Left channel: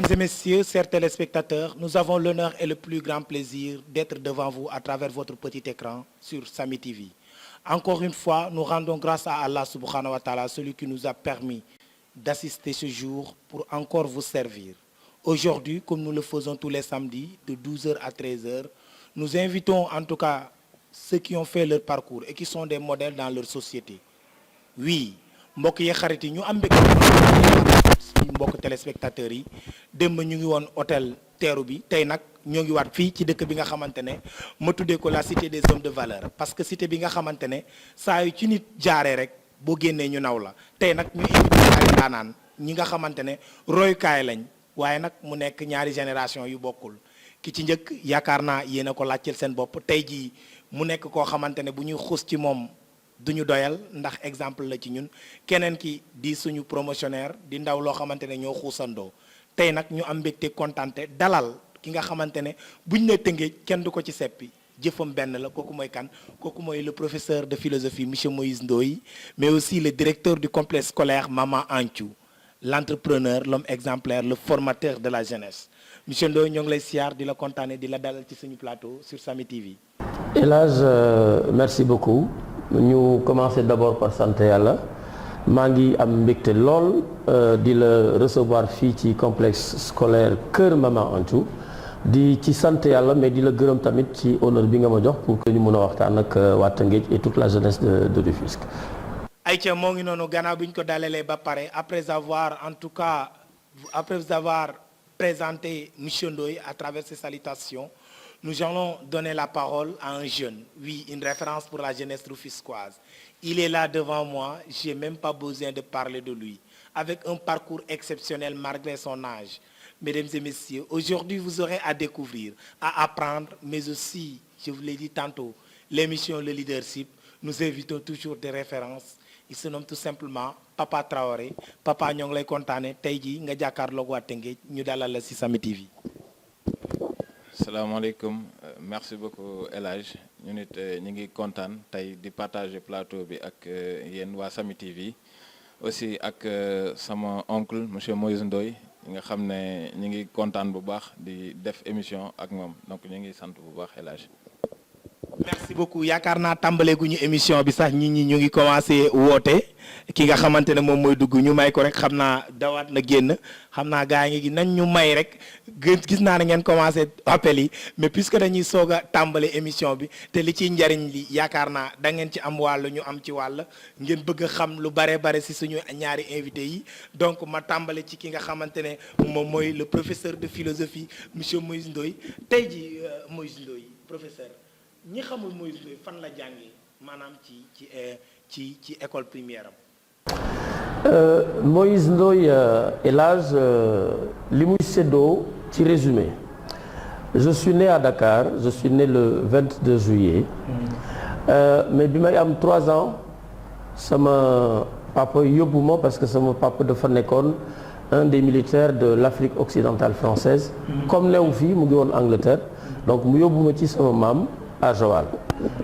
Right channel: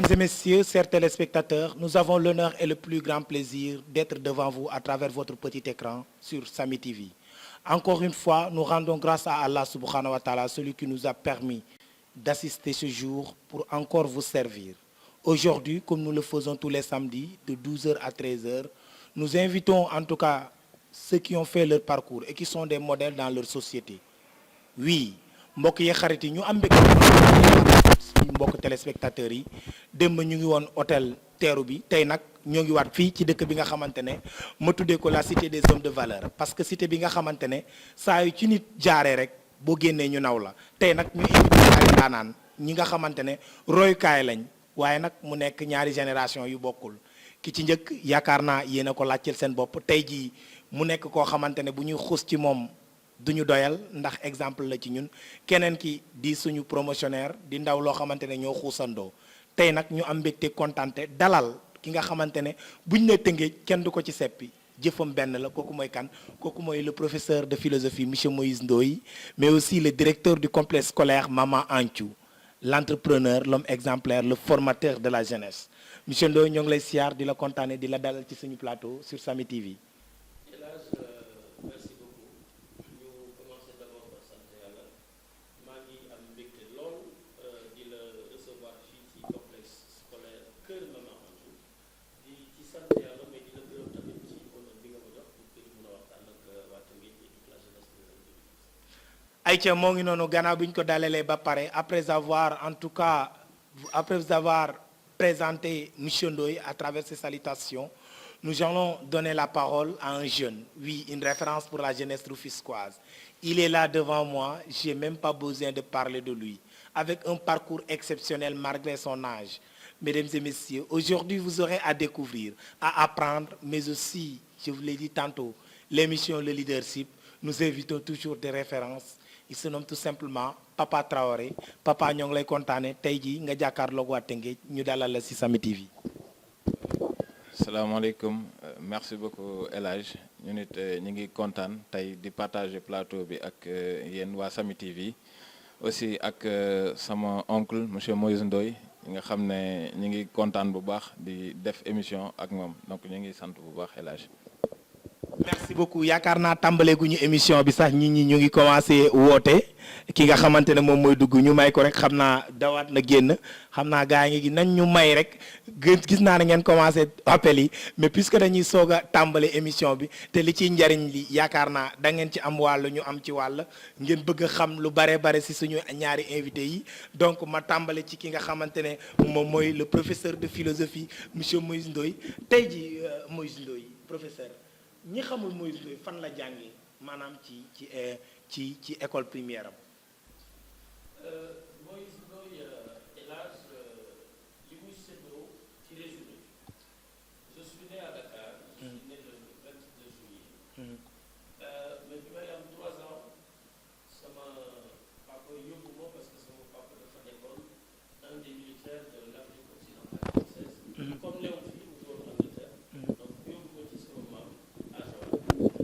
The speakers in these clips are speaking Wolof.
Mesdames et messieurs, chers téléspectateurs, nous avons l'honneur et le plus grand plaisir d'être devant vous à travers votre petit écran sur Sami TV. Encore une fois, nous rendons grâce à Allah subhanahu wa ta'ala, celui qui nous a permis d'assister ce jour pour encore vous servir. Aujourd'hui, comme nous le faisons tous les samedis, de 12h à 13h, nous invitons en tout cas ceux qui ont fait leur parcours et qui sont des modèles dans leur société. Oui, mbokk yi xarit yi ñu am mbégte suñu mbokk téléspectateurs yi démb ñu ngi woon hôtel teeru bi tey nag ñoo ngi waat fii ci dëkk bi nga xamante ne ma tuddee ko la cité des hommes de valeur parce que cité bi nga xamante ne saa yu ci nit jaaree rek boo génnee ñu naw la tey nag ñu invité ay daanaan ñi nga xamante ne royukaay lañ waaye nag mu nekk ñaari génération yu bokkul ki ci njëkk yaakaar naa yéen a ko laajteel seen bopp tey jii mu nekk koo xamante ne bu ñuy xuus ci moom duñu doyal ndax exemple la ci ñun keneen ki di suñu promotionnaire di ndaw loo xamante ne ñoo xuusandoo tey nag ñu am mbégte kontante dalal ki nga xamante ne buñ ne tëngee kenn du ko ci seppi jëfam benn la kooku mooy kan kooku mooy le professeur de philosophie monsieur Moïse Ndoye mais aussi le directeur du complexe scolaire Mama Anthiou l'entrepreneur l'homme exemplaire le formateur de la jeunesse monsieur Ndoye ñoo ngi lay siyaar di la kontaane di la dalal ci suñu plateau sur Sami TV. El Hadj merci beaucoup. ñu commencer d'abord par sant yàlla maa ngi am mbégte lool di la recevoir fii ci complexe scolaire Kër Mama Anthiou di ci sant yàlla mais di la gërëm tamit ci honneur bi nga ma jox pour que ñu mën a waxtaan ak waa Tëngéej et toute la jeunesse de Rufisque. Aïcha moo ngi noonu gannaaw bi ñu ko dalalee ba pare après avoir présenté monsieur Ndoye à travers ses salutations. Nous allons donner la parole à un jeune, oui, une référence pour la jeunesse rufisquoise. Il est là devant moi, je n'ai même pas besoin de parler de lui. Avec un parcours exceptionnel malgré son âge. Mesdames et messieurs, aujourd'hui vous aurez à découvrir, à apprendre, mais aussi, je vous l'ai dit tantôt, l'émission Le Leadership. Nous invitons toujours des références. Il se nomme tout simplement Papa Traoré. Papa ñoo ngi lay kontaane tey jii nga jàkkaarloog waa Tëngéej ñu dalal la ci Sami TV. salaamaaleykum merci beaucoup El Hadj ñu nit ñu ngi kontaan tey di partager plateau bi ak yéen waa Sami TV aussi ak sama oncle monsieur Moïse Ndoye nga xam ne ñu ngi kontaan bu baax di def émission ak moom donc ñu ngi sant bu baax El Hadj. merci beaucoup yaakaar naa tàmbaleeguñu émission bi sax nit ñi ñu ngi commencé woote ki nga xamante ne moom mooy dugg ñu may ko rek xam naa dawaat na génn xam naa gaa ngi nañ ñu may rek gis naa ne ngeen commencé appel yi mais puisque dañuy soog a tàmbale émission bi te li ciy njariñ li yaakaar naa da ngeen ci am wàll ñu am ci wàll ngeen bëgg a xam lu bare si suñu ñaari invité yi donc ma tàmbale ci ki nga xamante ne moom mooy le professeur de philosophie monsieur Moïse Ndoye tey ji Moïse Ndoye professeur ñi xamul Moïse Ndoye fan la jàngee maanaam ci école primaire am. Moïse Ndoye El Hadj li muy séddoo ci résumé je suis né à Dakar je suis né le 22 juillet mais bi may am 3 ans sama papa yóbbu ma parce que sama papa dafa nekkoon un des militaires de l'Afrique occidentale française comme newu fii mu ngi woon Angleterre donc mu yóbbu ma ci sama maam à Joal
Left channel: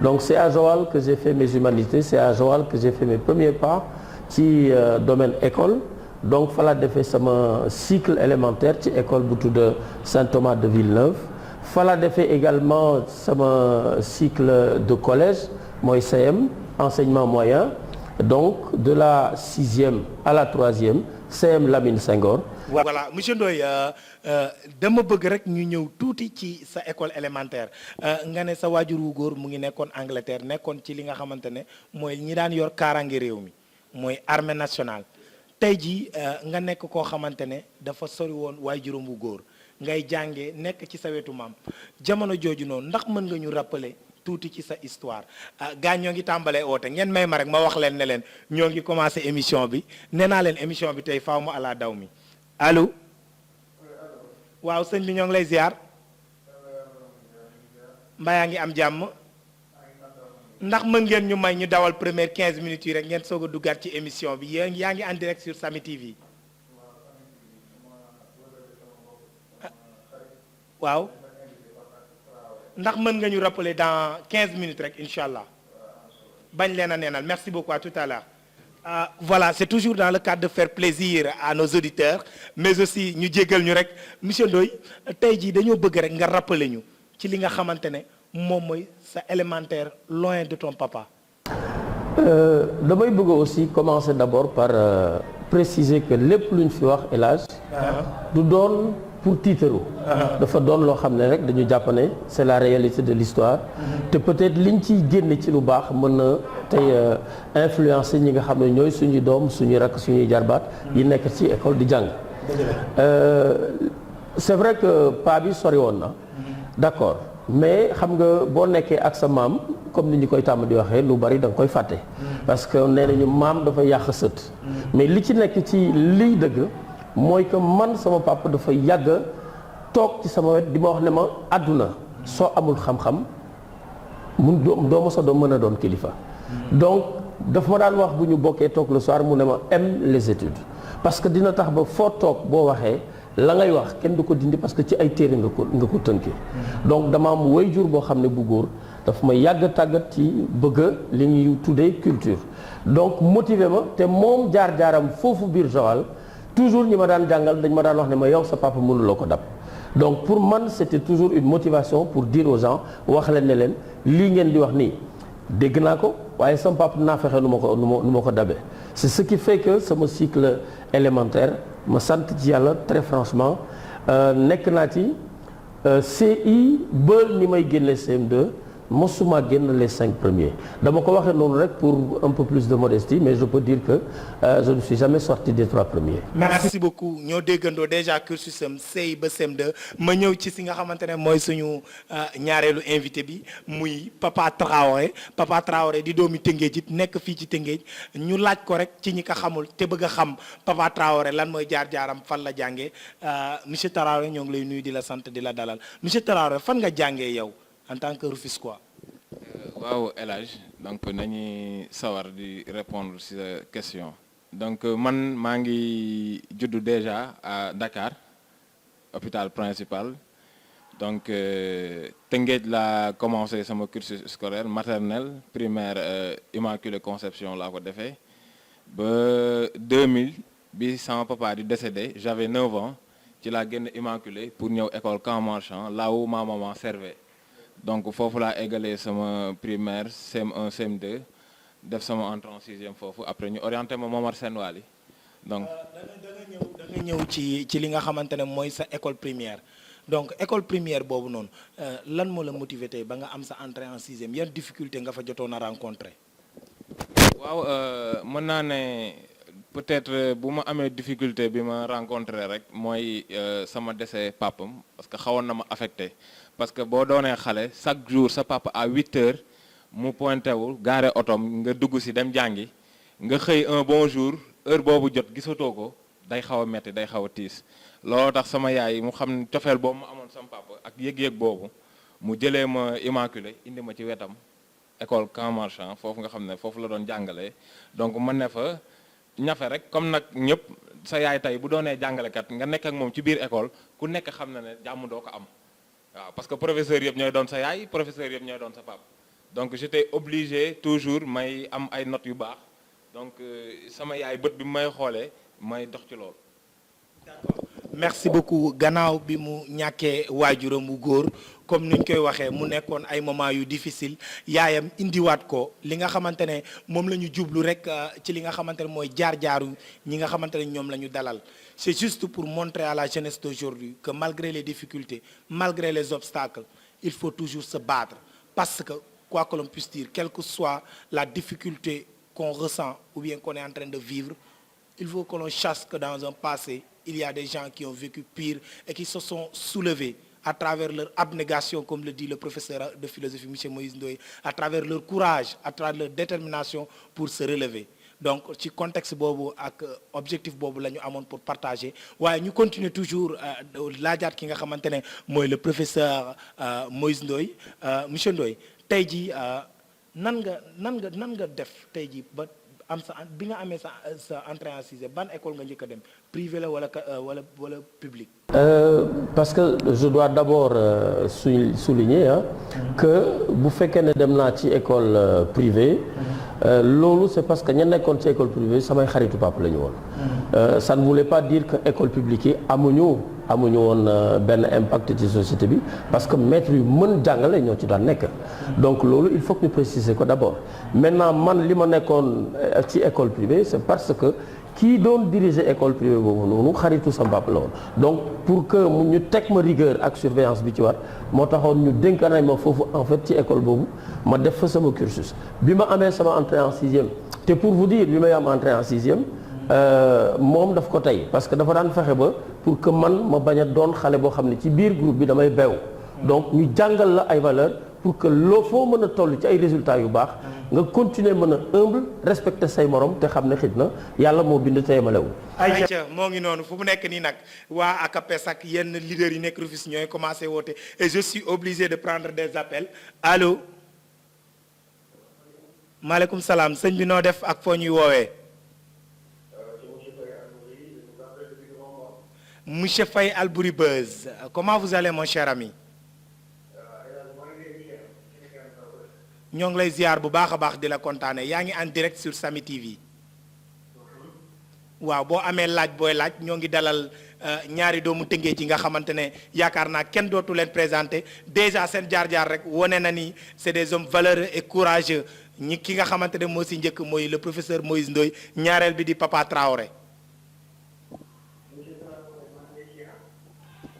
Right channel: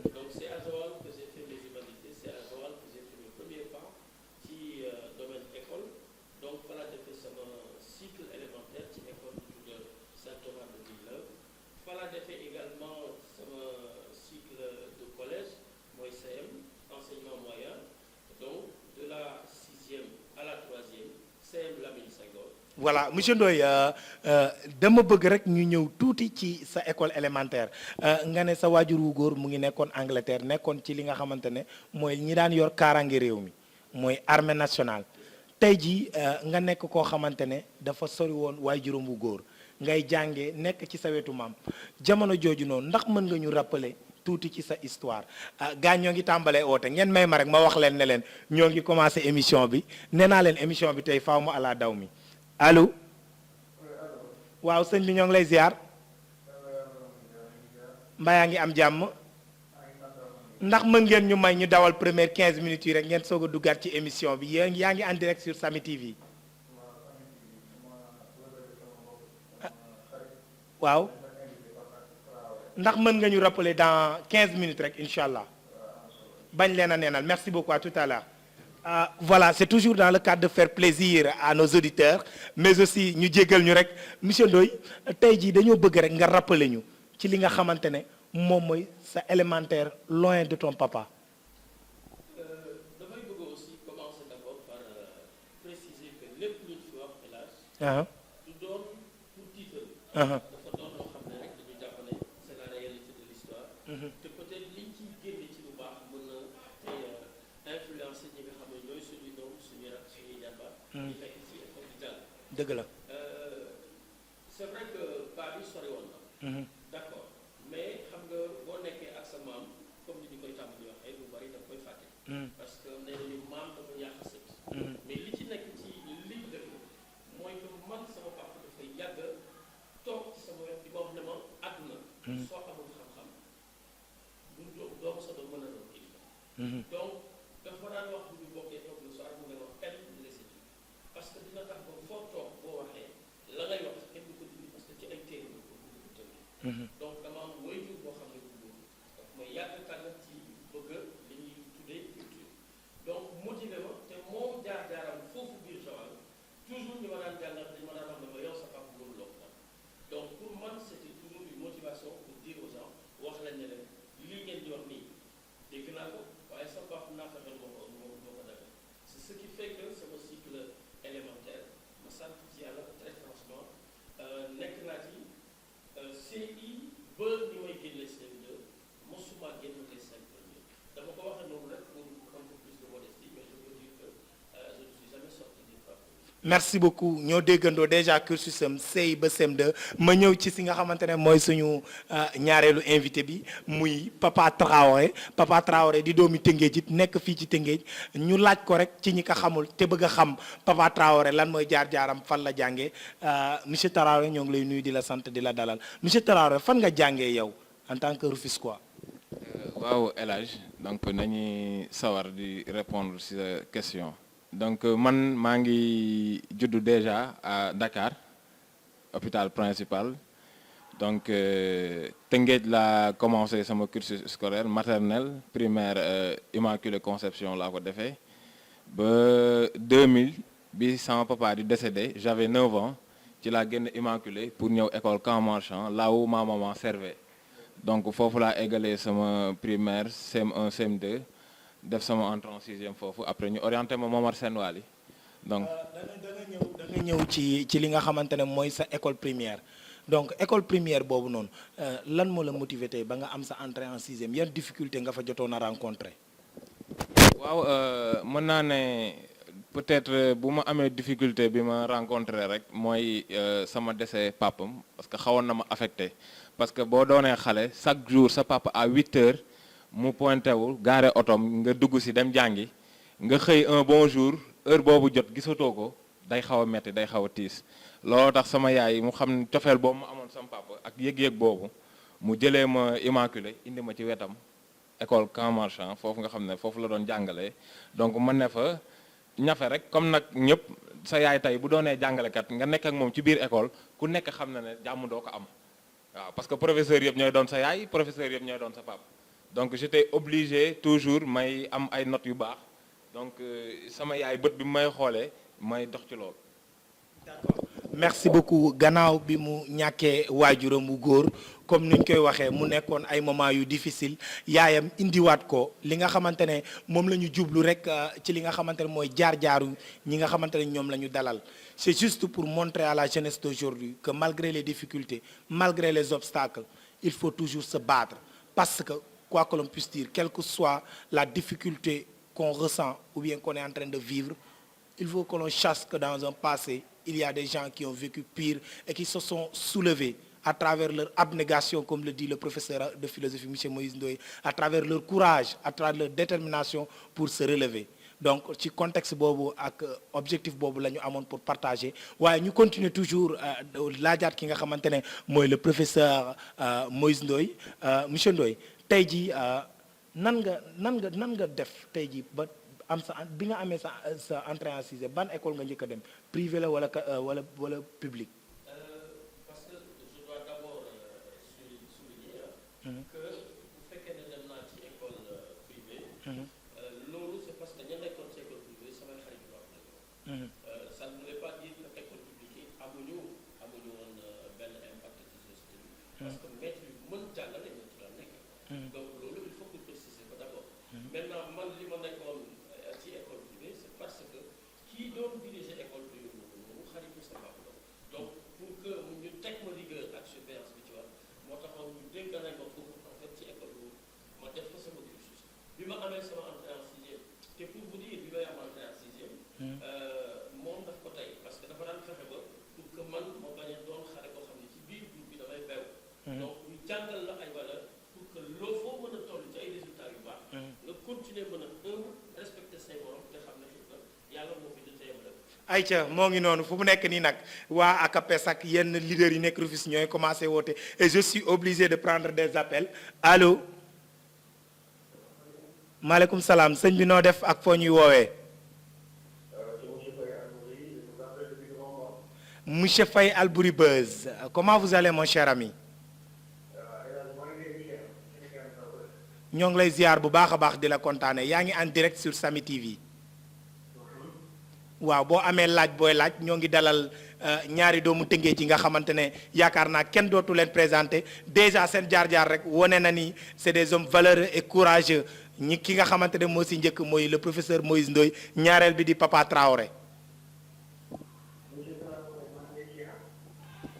donc c'est à Joal que j'ai fait mes humanités c'est à Joal que j'ai fait mes premiers pas ci domaine école donc fa la defee sama cycle élémentaire ci école bu tudd Saint-Thomas de Villeneuve fa la defee également sama cycle de collège mooy CM enseignement moyen donc de la 6e à la 3e CM Lamine Senghor. Voilà monsieur Ndoye dama bëgg rek ñu ñëw tuuti ci sa école élémentaire nga ne sa waajur wu góor mu ngi nekkoon Angleterre nekkoon ci li nga xamante ne mooy ñi daan yor kaaraange réew mi mooy armée nationale tey jii nga nekk koo xamante ne dafa sori woon waajuram wu góor ngay jàngee nekk ci sa wetu maam jamono jooju noonu ndax mën nga ñu rappeler tuuti ci sa histoire gaa ñoo ngi tàmbalee oote ngeen may ma rek ma wax leen ne leen ñoo ngi commencé émission bi nee naa leen émission bi tey faaw mu ala daw mi allo waaw sëñ bi ñoo ngi lay ziar mbaa yaa ngi am jàmm ndax mën ngeen ñu may ñu dawal première 15 minutes yi rek ngeen soog a duggaat ci émission bi yaa ngi en direct sur Sami TV waaw ndax mën nga ñu rappeler dans 15 minutes rek incha allah bañ leen a neenal merci beaucoup à tout à l'heure Voilà, c'est toujours dans le cadre de faire plaisir à nos auditeurs mais aussi ñu jéggal ñu rek monsieur Ndoye tey jii dañoo bëgg rek nga rappeler ñu ci li nga xamante ne moom mooy sa élémentaire loin de ton papa. damay bëgg aussi commencer d'abord par préciser que lépp lu ñu fi wax El Hadj du doon pour tiitaru dafa doon loo xam ne rek dañu jàpp ne c'est la réalité de l'histoire te peut-être liñ ciy génne ci lu baax mën na tey influencer ñi nga xam ne ñooy suñuy doom suñuy rakk suñuy jarbaat yi nekk ci école di jàng c'est vrai que pa bi sori woon na d'accord mais xam nga boo nekkee ak sa maam comme ni ñu koy tàmm di waxee lu bari da nga koy fàtte parce que nee nañu maam dafa yàq sët mais li ci nekk ci liy dëgg mooy que man sama papa dafa yàgg toog ci sama wet di ma wax ne ma àdduna soo amul xam-xam mun doo ma sa doo mën a doon kilifa donc daf ma daan wax bu ñu bokkee toog le soir mu ne ma aime les études parce que dina tax ba foo toog boo waxee la ngay wax kenn du ko dindi parce que ci ay téere nga ko tënkee donc dama am waajur boo xam ne bu góor daf ma yàgg tàggat ci bëgg li ñuy tuddee culture donc motivé ma te moom jaar-jaaram foofu biir Joal toujours ñi ma daan jàngal dañ ma daan wax ne ma yow sa papa mënuloo ko dab donc pour man c'était toujours une motivation pour dire aux gens wax leen ne leen lii ngeen di wax nii dégg naa ko waaye sama papa naa fexe nu ma ko dabee c'est ce qui fait que sama cycle élémentaire ma sant ci yàlla très franchement nekk naa ci CI ba ni may génne CM2 mosuma génn les 5 premiers dama ko waxee noonu rek pour un peu plus de modestie mais je peux dire que je ne suis jamais sorti des 3 premiers. merci beaucoup ñoo déggandoo déjà cursus am CI ba CM2 ma ñëw ci si nga xamante ne mooy suñu ñaareelu invité bi muy Papa Traoré di doomi Tëngéej it nekk fii ci Tëngéej ñu laaj ko rek ci ñi ko xamul te bëgg a xam Papa Traoré lan mooy jaar-jaaram fan la jàngee monsieur Traoré ñoo ngi lay nuyu di la sant di la dalal monsieur Traoré fan nga jàngee yow. En tant que Rufisquois. waaw El Hadj donc nañuy sawar di répondre ci sa question donc man maa ngi juddu déjà à Dakar hôpital principal donc Tëngéej laa commencé sama cursus scolaire maternelle primaire Immaculée Conception laa ko defee ba 2000 bi sama papa di décédé j'avais 9 ans ci laa génn Immaculée pour ñëw école Camp Marchand là où ma maman servait. donc foofu laa eggalee sama primaire CM1 CM2 def sama entrée en 6e foofu après ñu orienté ma Momar Sène Wali donc. da nga ñëw ci li nga xamante ne mooy sa école primaire donc école primaire boobu noonu lan moo la motivé tey ba nga am sa entrée en 6e yan difficulté nga fa jotoon a rencontré. waaw mën naa ne peut-être bu ma amee difficulté bi ma rencontré rek mooy sama décès papam parce que xawoon na ma affecté. parce que boo doonee xale chaque jour sa papa à 8 heures mu pointé wu gaare otom nga dugg si dem jàngi nga xëy un bon jour heure boobu jot gisatoo ko day xaw a metti day xaw a tiis looloo tax sama yaay mu xam cofeel boobu mu amoon sama papa ak yëg-yëg boobu mu jëlee ma Immaculée indi ma ci wetam école Camp Marchand foofu nga xam ne foofu la doon jàngalee donc mën ne fa ñafe rek comme nag ñëpp sa yaay tey bu doonee jàngalekat nga nekk ak moom ci biir école ku nekk xam na ne jàmm doo ko am. waaw parce que professeur yëpp ñooy doon sa yaay professeur yëpp ñooy doon sa papa donc j'étais obligé toujours may am ay notes yu baax donc sama yaay bët bi may xoolee may dox ci loolu. d'accord merci beaucoup gannaaw bi mu ñàkkee waajuram bu góor comme ni ñu koy waxee mu nekkoon ay moment yu difficile yaayam indiwaat ko li nga xamante ne moom la ñu jublu rek ci li nga xamante ne mooy jaar-jaaru ñi nga xamante ne ñoom la ñu dalal. C'est juste pour montrer à la jeunesse d'aujourd'hui que malgré les difficultés, malgré les obstacles, il faut toujours se battre. Parce que, quoi que l'on puisse dire, quelle que soit la difficulté qu'on ressent ou bien qu'on est en train de vivre, il faut que l'on sache que dans un passé, il y a des gens qui ont vécu pire et qui se sont soulevés à travers leur abnégation, comme le dit le professeur de philosophie, M. Moïse Ndoye, à travers leur courage, à travers leur détermination pour se relever. Donc ci contexte boobu ak objectif boobu la ñu amoon pour partager waaye ñu continuer toujours laajaat ki nga xamante ne mooy le professeur Moïse Ndoye monsieur Ndoye tey jii nan nga def tey jii ba am sa bi nga amee sa entrée en sixième ban école nga njëkk a dem privé la wala public. Parce que je dois d'abord souligner que bu fekkee ne dem naa ci école privée loolu c'est parce que ña nekkoon ci école privée samay xaritu papa la ñu woon. Ça ne voulait pas dire que école publique yi amuñu woon benn impact ci société bi parce que maître yu mën jàngale ñoo ci daan nekk. donc loolu il faut que ñu préciser ko d'abord maintenant man li ma nekkoon ci école privée c'est parce que kii doon diriger école privée boobu noonu xaritu sa mbàpp la woon donc pour que ñu teg ma rigueur ak surveillance bi ci war moo taxoon ñu dénkaane ma foofu en fait ci école boobu ma def fa sama cursus bi ma amee sama entrée en sixième te pour vous dire bi may am entrée en sixième moom daf ko tey parce que dafa daan fexe ba pour que man ma bañ a doon xale boo xam ne ci biir groupe bi damay beew donc ñu jàngal la ay valeurs pour que loo foo mën a toll ci ay résultats yu baax nga continuer mën a humble respecter say morom te xam ne xit na yàlla moo bind te yemalewul. ayca moo ngi noonu fu mu nekk nii nag waa ACAPES ak yenn leaders yi nekk Rufisque ñooy commencé woote et je suis obligé de prendre des appels allo. maaleykum salaam sëñ bi noo def ak foo ñuy woowee. Monsieur Faye Albouri Beuz comment vous allez mon cher ami. ñoo ngi lay ziar bu baax a baax di la kontaane yaa ngi en direct sur Samy TV. waaw boo amee laaj booy laaj ñoo ngi dalal ñaari doomu tëngee ci nga xamante ne yaakaar naa kenn dootu leen présenté déjà seen jaar-jaar rek wone na ni c'est des hommes valeureux et courageux ñi ki nga xamante ne moo si njëkk mooy le professeur Moïse Ndoye ñaareel bi di Papa Traoré.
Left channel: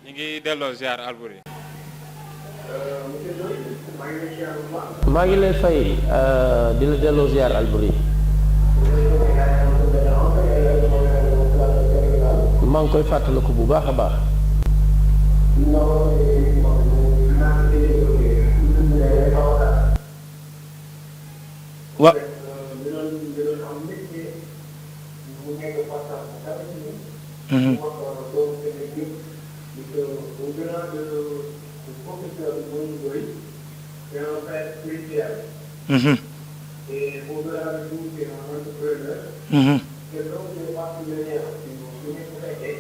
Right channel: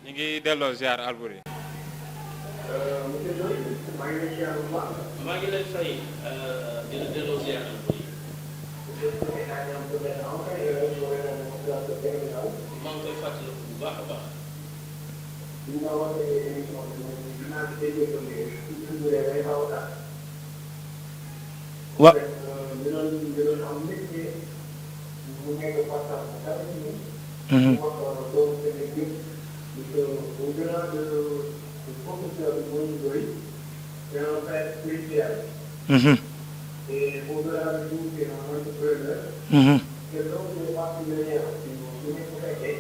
ñu ngi delloo ziar Albouri. maa ngi lay fay di la delloo ziar Albouri. maa ngi koy fàttaliku bu baax a baax. wa. C'est un fait spirituel. Et au-delà de tout, c'est un entrepreneur. Que donc, je pas si bien, si vous m'écoutez,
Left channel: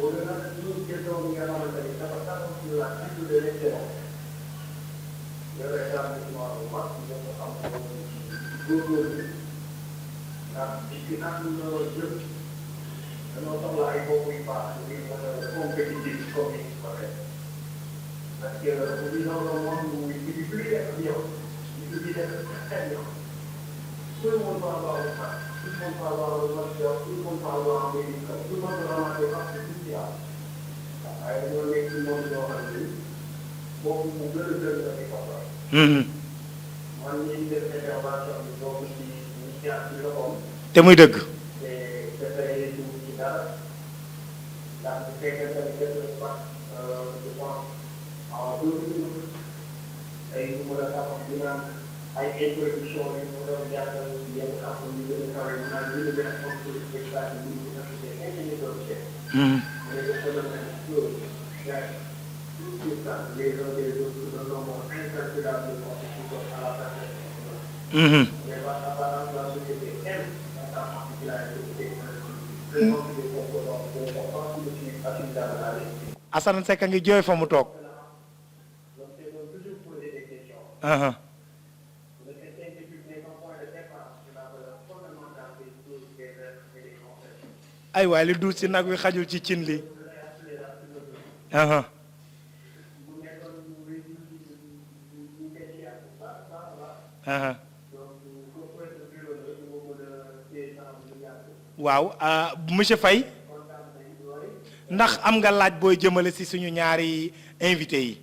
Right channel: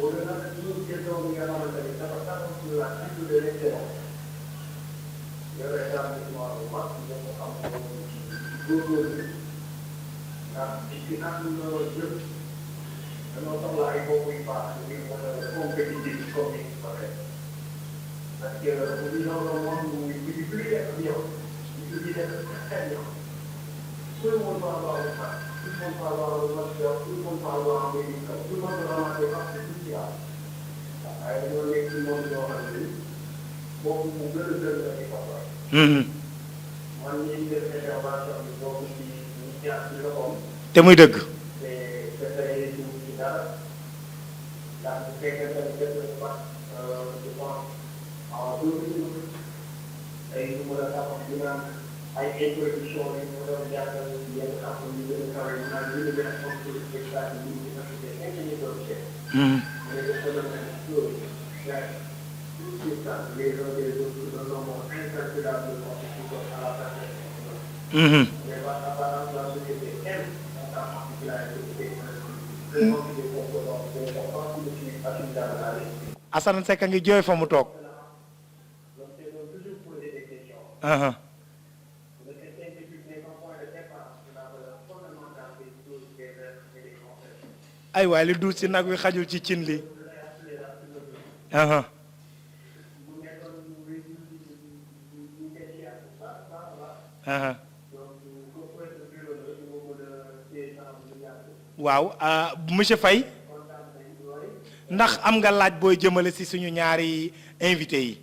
au-delà de tout, que donc, il y a un mentalité, ça va pas sur la culture de l'excellence. Je vais faire un peu au maximum pour puisque quand nous jeu, nous sommes là, il faut qu'on y passe, compétitif comme il paraît. Parce que nous vivons dans un monde où il ne suffit plus d'être bien, il suffit d'être très bien. Tout le monde va avoir le fac, tout le monde va avoir le master, tout le monde va avoir un médical, tout le monde va avoir des parts sociales. Avec le mec, tout le monde va avoir un lieu. Bon, vous pouvez le faire avec papa. Moi, je suis des interventions de donc qui initiative de l'homme. te muy dëgg. C'est préféré tout ci dara. Ndax bu fekkee tamit def nañu wax je pense. waaw loolu ay nu mën a taxaw di naan ay introduction yi mu doon jàngal yenn xam-xam yu gën a kawe mu naan ñu gën a xam ci spectacle bi ñu nekk des ingénieurs de recherche. mais dafa doon nekk loolu gars yi tout ça les uns des autres de nombre incalculable de contribution à la perfection. mais apparemment la société aime dans sa particularité vraiment des composants des composants qui sont assimilables à l'esprit. Assane Seck a ngi jooy fa mu toog. ay waay li duut si nag wi xajul ci cin li. waaw monsieur Faye ndax am nga laaj booy jëmale si suñu ñaari invité yi.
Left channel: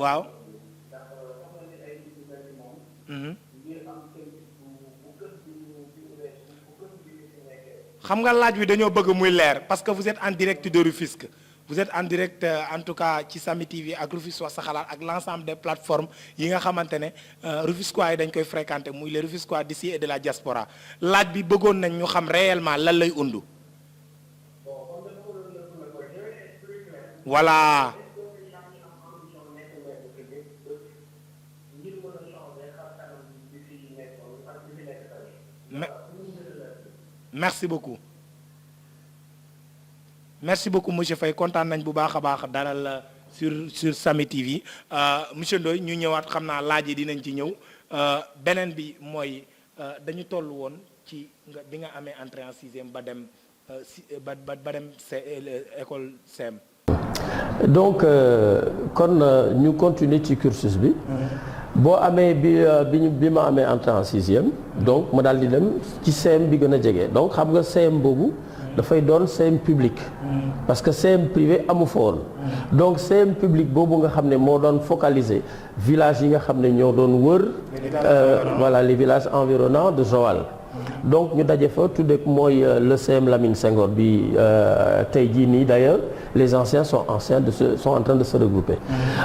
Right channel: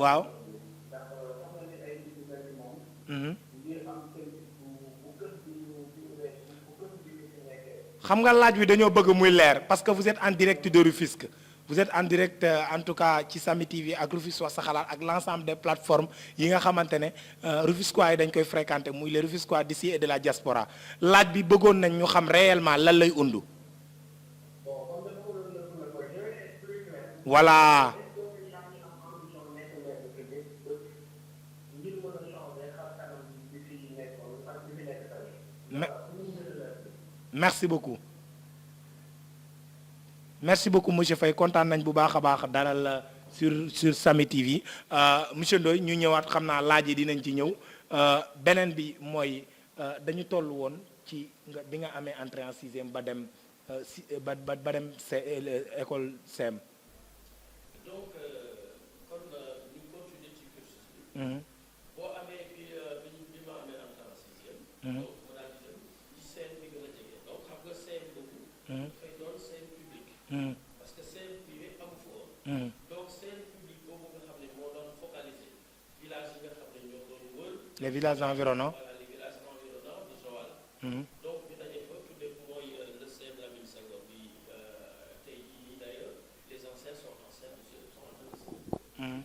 waaw. xam nga laaj wi dañoo bëgg muy leer parce que vous êtes en direct de Rufisque vous êtes en direct en tout cas ci Samy TV ak Rufisque wax sa xalaat ak l'ensemble des plateformes yi nga xamante ne Rufisquois yi dañ koy fréquenter muy les Rufisquois d'ici et de la diaspora laaj bi bëggoon nañ ñu xam réellement lan lay undu. voilà. merci beaucoup monsieur Faye kontaan nañ bu baax a baax dalal la sur Samy TV monsieur Ndoye ñu ñëwaat xam naa laaj yi dinañ ci ñëw beneen bi mooy dañu toll woon ci bi nga amee entrée en sixième ba dem ba dem école CM. donc kon ñu continuer ci cursus bi. boo amee bi ma amee entrée en sixième. donc ma daal di dem ci CM bi gën a jege donc xam nga CM boobu. dafay doon CM public. parce que CM privé amu fa woon. donc CM public boobu nga xam ne moo doon focaliser village yi nga xam ne ñoo doon wër. voilà les villages environnants de Joal. donc ñu daje fa tudde mooy le CM Lamine Senghor bi tey jii nii d'ailleurs les anciens sont en train de se regrouper.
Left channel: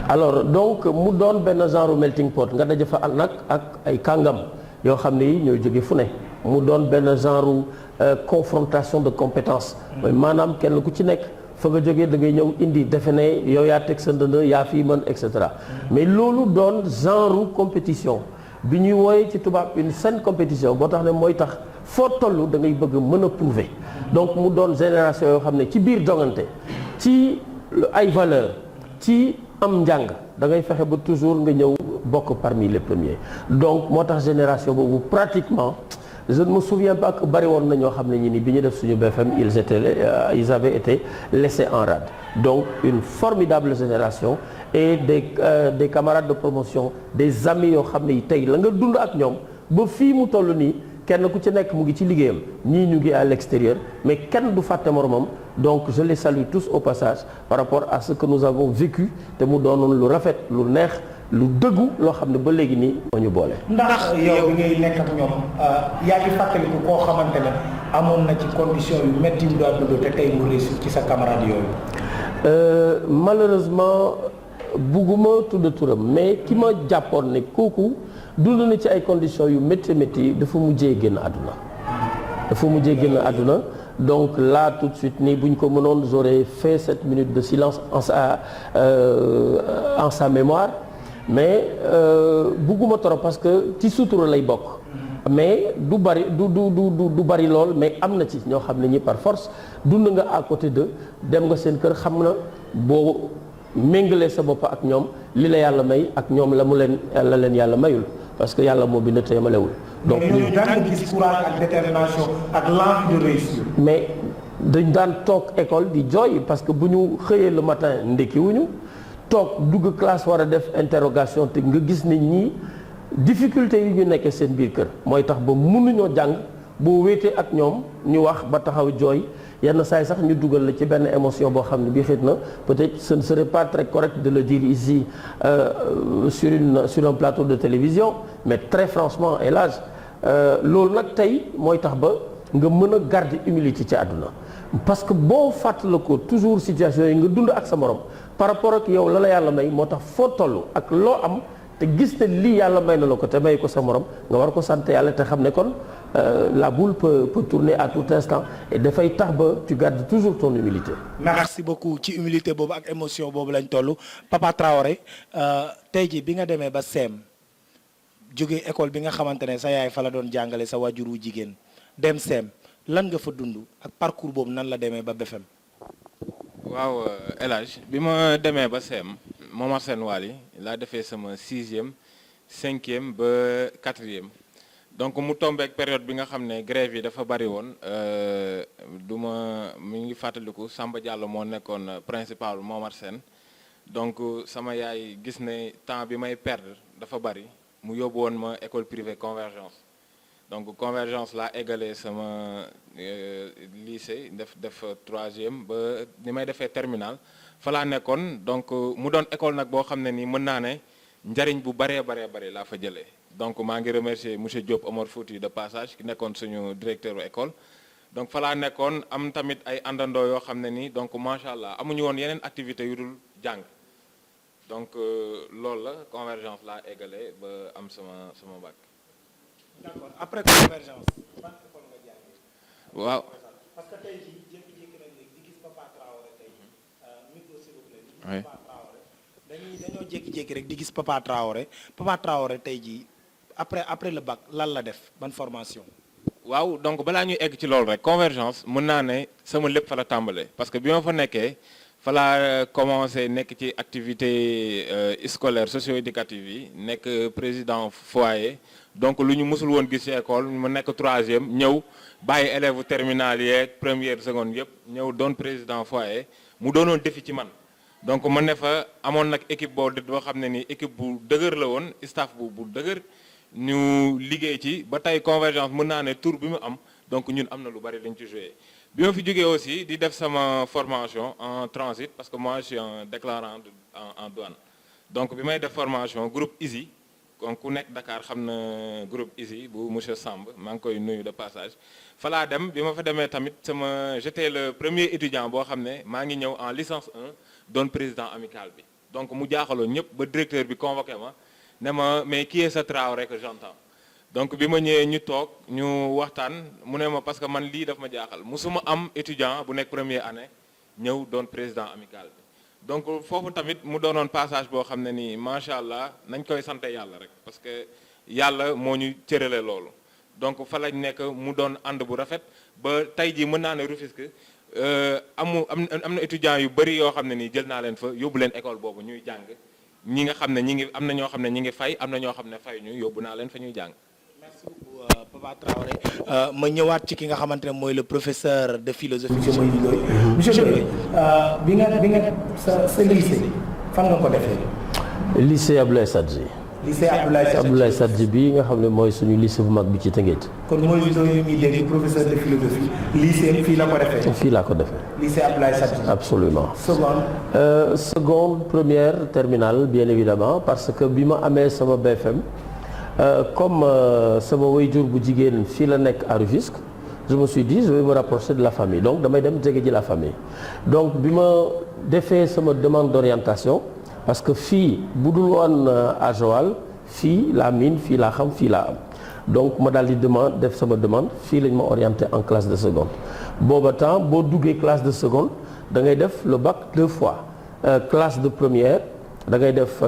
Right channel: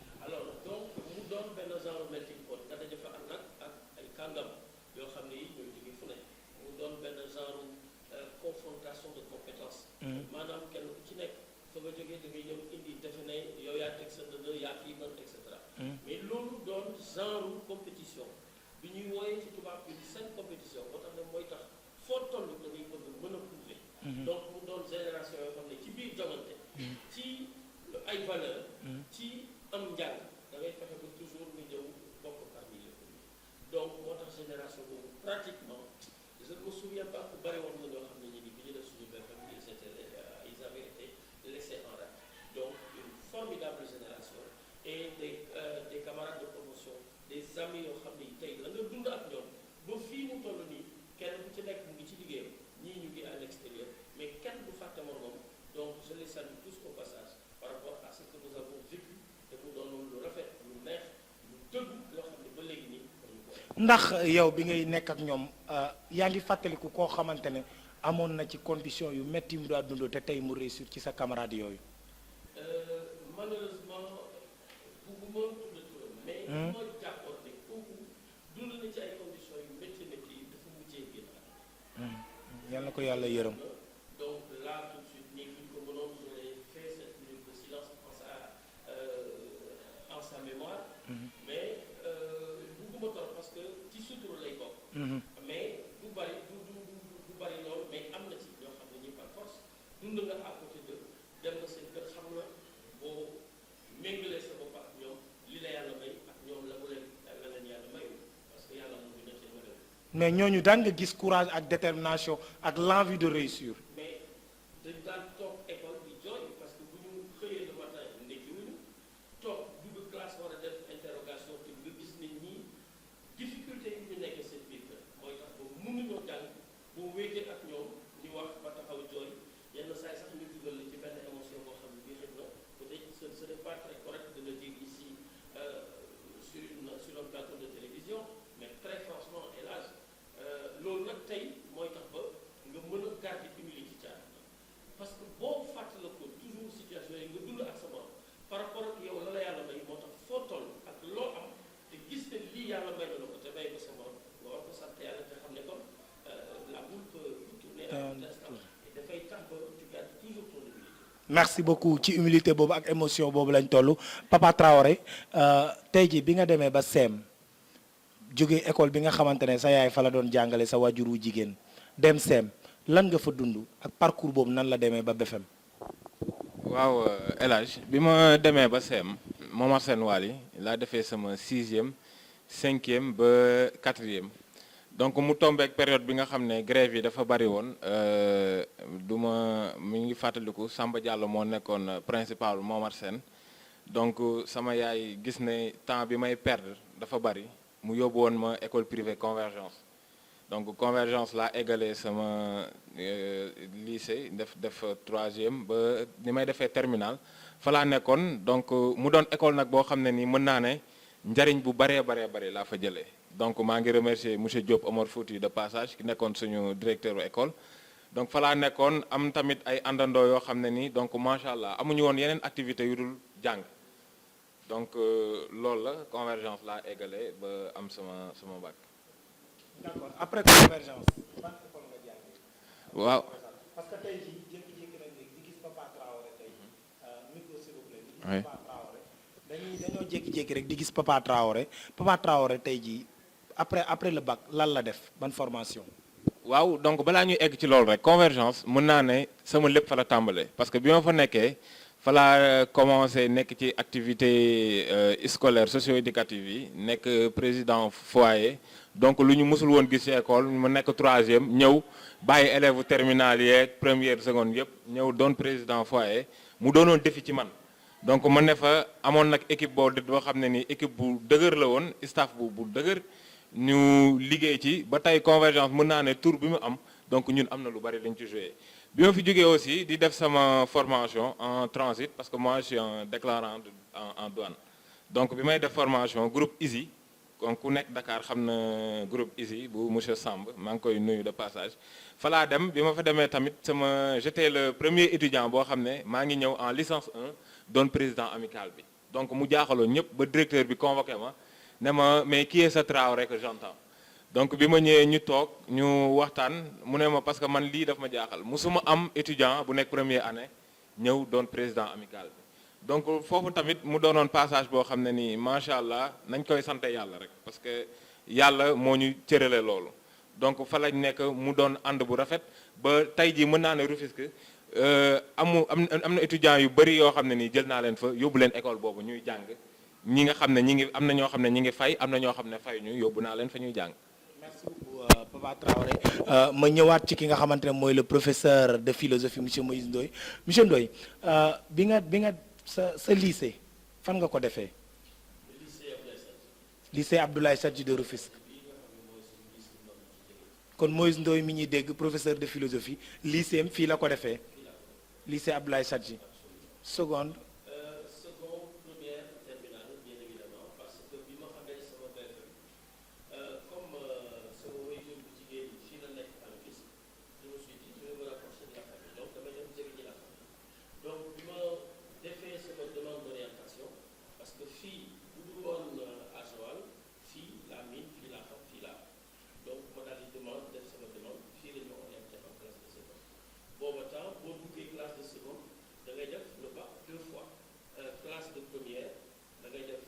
alors donc mu doon benn genre melting pot nga daje fa nag ak ay kàngam yoo xam ne yi ñooy jóge fu ne mu doon benn genre confrontation de compétences. mooy maanaam kenn ku ci nekk fa nga jógee da ngay ñëw indi defe ne yow yaa teg sa ndënd yaa fii mën et cetera mais loolu doon genre compétition. bi ñuy wooyee ci tubaab une saine compétition boo tax ne mooy tax foo toll da ngay bëgg mën a prouver donc mu doon génération yoo xam ne ci biir jongante ci ay valeur ci am njàng da ngay fexe ba toujours nga ñëw bokk parmi les premiers donc moo tax génération boobu pratiquement je ne me souviens pas que bari woon na ñoo xam ne ñi ni bi ñu def suñu BFM ils avaient été laissés en rade donc une formidable génération et des camarades de promotion des amis yoo xam ne tey la nga dund ak ñoom ba fii mu toll nii kenn ku ci nekk mu ngi ci liggéeyam ñii ñu ngi à l'extérieur mais kenn du fàtte moromam donc je les salue tous au passage par rapport à ce que nous avons vécu te mu doonoon lu rafet lu neex lu dëggu loo xam ne ba léegi nii moo ñu boole. ndax yow ñuy nekk ak ñoom yaa ngi fàttaliku koo xamante ne amoon na ci condition yu métti yu doon dund te tey mu réussir ci sa camarade yooyu. Malheureusement bugguma tudd turam mais ki ma jàppoon ne kooku dund na ci ay conditions yu métti dafa mujjee génn àdduna. donc là tout de suite nii bu ñu ko mënoon j'aurais fait 7 minutes de silence en sa mémoire mais bugguma trop parce que ci sutura lay bokk. mais du bari du bari lool mais am na ci ñoo xam ne ñi par force dund nga à côté de dem nga seen kër xam na boo méngalee sa bopp ak ñoom li la yàlla may ak ñoom la leen yàlla mayul parce que yàlla moo bind te yemalewul. donc mais ñooñu daan di gis courage ak détermination ak l'envie de réussir. mais dañ daan toog école di jooy parce que bu ñu xëyee le matin ndekkiwuñu toog dugg classe war a def interrogation te nga gis ne ñii difficulté yi ñu nekkee seen biir kër mooy tax ba mënuñoo jàng boo wéetee ak ñoom ñu wax ba taxaw jooy yenn saa yi sax ñu dugal la ci benn émotion boo xam ne bii xëy na peut-être ce ne serait pas très correct de le dire ici sur un plateau de télévision mais très franchement El Hadj loolu nag tey mooy tax ba nga mën a garder humilité ci àdduna parce que boo fàttala ko toujours situation yi nga dund ak sa morom par rapport ak yow la yàlla may moo tax foo toll ak loo am te gis ne lii yàlla may na la ko te may ko sa morom nga war ko sant yàlla te xam ne kon la boule peut tourner à tout instant et dafay tax ba tu gardes toujours ton humilité. merci beaucoup ci humilité boobu ak émotion boobu lañ toll Papa Traoré tey jii bi nga demee ba CEM jóge école bi nga xamante ne sa yaay fa la doon jàngale sa wajur wu jigéen dem CEM lan nga fa dund ak parcours boobu nan la demee ba BFM. waaw El Hadj bi ma demee ba CEM Momar Sène Wally laa defee sama 6e 5e ba 4e donc mu tombeek période bi nga xam ne grève yi dafa bari woon mi ngi fàttaliku Samba Diallo moo nekkoon principal Momar Sène donc sama yaay gis ne temps bi may perdre dafa bari mu yóbbu woon ma école privée Convergence donc Convergence laa égalé sama lycée def 3e ba ni may defee terminal fa laa nekkoon donc mu doon école nag boo xam ne nii mën naa ne njariñ bu baree laa fa jëlee donc maa ngi remercier monsieur Diop Omar Fouti de passage ki nekkoon suñu directeur école donc fa laa nekkoon am tamit ay àndandoo yoo xam ne nii donc macha allah amuñu woon yeneen activités yu dul jàng donc loolu la Convergence laa égalé ba am sama bac. d'accord après Convergence ban école nga jàngee. waaw parce que tey jii jékki-jékki nañ di gis Papa Traoré tey micro s'il vous plaît. di oui gis Papa Traoré dañoo jékki-jékki rek di gis Papa Traoré tey jii après le bac lan la def ban formation. waaw donc balaa ñuy egg ci loolu rek convergence mën naa ne sama lépp fa la tàmbalee parce que bi ma fa nekkee fa laa commencé nekk ci activité scolaire socio-éducative yi nekk président foyer donc lu ñu mësul woon gis ci école mu nekk 3e ñëw bàyyi élèves terminale yeeg première seconde yëpp ñëw doon président foyer mu doonoon défi ci man donc ma ne fa amoon nag équipe boo xam ne ni équipe bu dëgër la woon staff bu dëgër ñu liggéey ci ba tey convergence mën naa ne tour bi mu am donc ñun am na lu bari lañ ci joué bi ma fi jógee aussi di def sama formation en transit parce que moi je suis un déclarant en douane donc bi may def formation groupe ISI kon ku nekk Dakar xam na groupe ISI bu monsieur Samb maa ngi koy nuyu de passage fa laa dem bi ma fa demee tamit j'étais le premier étudiant boo xam ne maa ngi ñëw en licence 1 doon président amical bi donc mu jaaxaloon ñëpp ba directeur bi convoqué ma ne ma mais qui est ce Traoré que j'entends donc bi ma ñëwee ñu toog ñu waxtaan mu ne ma parce que man lii daf ma jaaxal musuma am étudiant bu nekk première année ñëw doon président amical bi donc foofu tamit mu doonoon passage boo xam ne nii macha allah nañ koy sante yàlla rek parce que yàlla moo ñu cërale loolu donc fa lañ nekk mu doon ànd bu rafet ba tey jii mën naa ne Rufisque am na étudiants yu bëri yoo xam ne nii jël naa leen fa yóbbu leen école boobu ñuy jàng ñi nga xam ne ñi ngi am na ñoo xam ne ñi ngi fay am na ñoo xam ne fay ñu yóbbu naa leen fa ñuy jàng. merci beaucoup Papa Traoré ma ñëwaat ci ki nga xamante ne mooy le professeur de philosophie monsieur Ndoye bi nga sa lycée fan nga ko defee. lycée Abdoulaye Sadji. lycée Abdoulaye Sadji bi nga xam ne mooy suñu lycée bu mag bi ci Tëngéej. kon Moïse Ndoye mi dégg professeur de philosophie. lycée fii la ko defee. fii laa ko defee. lycée Abdoulaye Sadji. absolument. seconde. Seconde première terminale bien évidemment parce que bi ma amee sama BFM comme sama waajur bu jigéen fii la nekk à Rufisque je me suis dit je vais me rapprocher de la famille donc damay dem jege ji la famille donc bi ma defee sama demande d'orientation. parce que fii bu dul woon à Joal fii laa miin fii laa xam fii laa am donc ma daal di def sama demande fii lañ ma orienté en classe de seconde booba temps boo duggee classe de seconde da ngay def le bac 2 fois classe de première da ngay def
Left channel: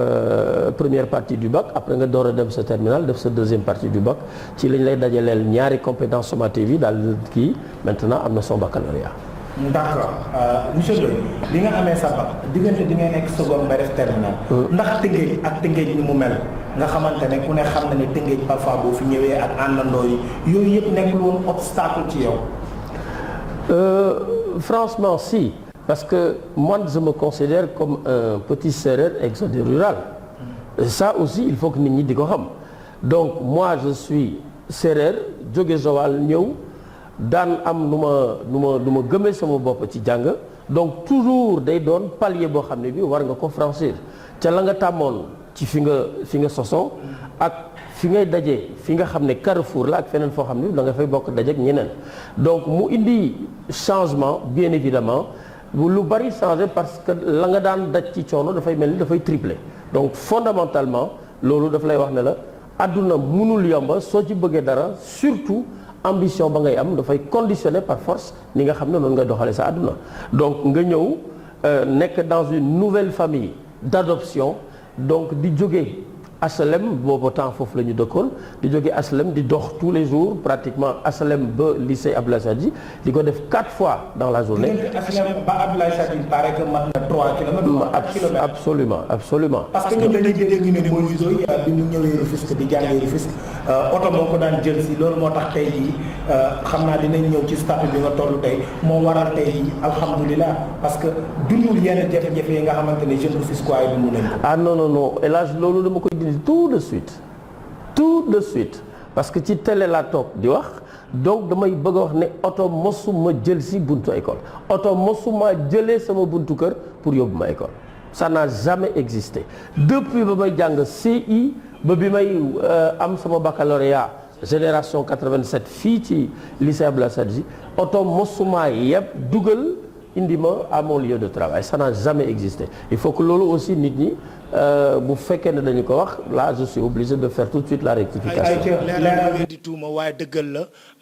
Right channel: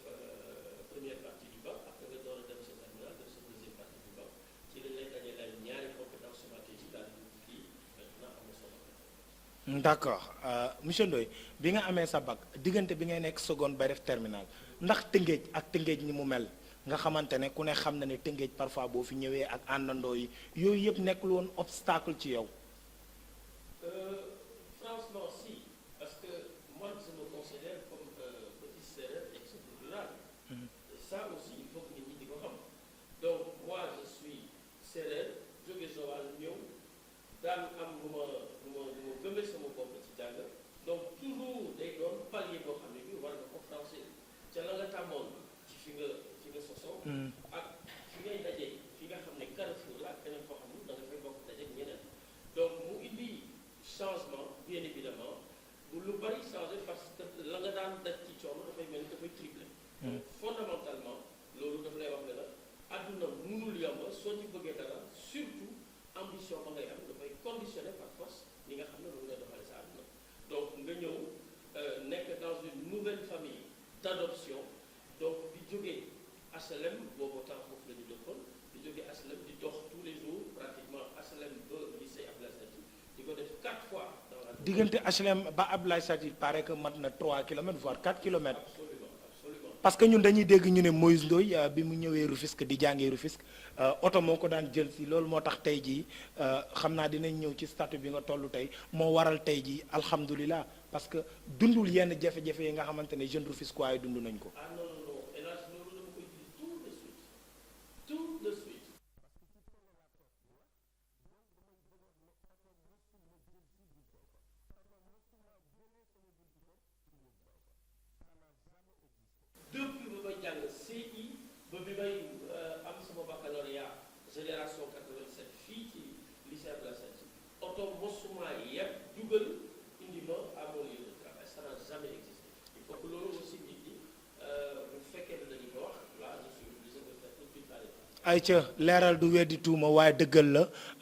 première partie du bac après nga door a dem sa terminale def sa deuxième partie du bac ci lañ lay dajaleel ñaari compétences sommative yi daal kii maintenant am na son baccalauréat. d'accord monsieur Ndoye li nga amee sa bac diggante di nga nekk seconde ba def terminal ndax Tëngéej ak Tëngéej ni mu mel nga xamante ne ku ne xam na ne Tëngéej parfois boo fi ñëwee ak àndandoo yi yooyu yëpp nekkul woon obstacle ci yow. Franchement si parce que moi je me considère comme un petit sérère exode rural ça aussi il faut que nit ñi di ko xam donc moi je suis sérère jóge Joal ñëw daan am nu ma gëmee sama bopp ci jàng donc toujours day doon palier boo xam ne bi war nga ko franchir ca la nga tàmmoon ci fi nga sosoo ak fi ngay dajee fi nga xam ne carrefour la ak feneen foo xam ne da nga fay bokk dajeek ñeneen donc mu indi changement bien évidemment lu bari changé parce que la nga daan daj ci coono dafay mel ni dafay tripler donc fondamentalement loolu daf lay wax ne la àdduna mënul yomba soo ci bëggee dara surtout ambition ba ngay am dafay conditionné par force ni nga xam ne noonu ngay doxalee sa àdduna donc nga ñëw nekk dans une nouvelle famille d'adoption donc di jóge HLM boobu temps foofu la ñu dëkkoon di jóge HLM di dox tous les jours pratiquement HLM ba lycée Abdoulaye Sadji di ko def 4 fois dans la journée. HLM ba Abdoulaye Sadji paraît que mat na 3 kilomètres. absolument. parce que ñun dañuy dégg ñu ne Moïse Ndoye ñu ñëwee Rufisque di jàngee Rufisque oto moo ko daan jël si loolu moo tax tey jii xam naa dinañ ñëw ci statut bi nga toll tey moo waral tey jii alhamdulilah parce que dundul yenn jafe-jafe yi nga xamante ne jeunes Rufisquois yi mun nañ ko. ah non El Hadj loolu dama koy dindi tout de suite parce que ci télé laa toog di wax donc damay bëgg a wax ne oto mosuma jël si buntu école oto mosuma jëlee sama buntu kër pour yóbbu ma école ça n'a jamais existé depuis ba may jàng CI ba bi may am sama baccalauréat génération 87 fii ci lycée Abdoulaye Sadji oto mosuma yëpp dugal indi ma à mon lieu de travail ça n'a jamais existé il faut que loolu aussi nit ñi bu fekkee ne dañu ko wax là je suis obligé de faire tout de suite la rectification. leeral du weddi tuuma waaye dëggal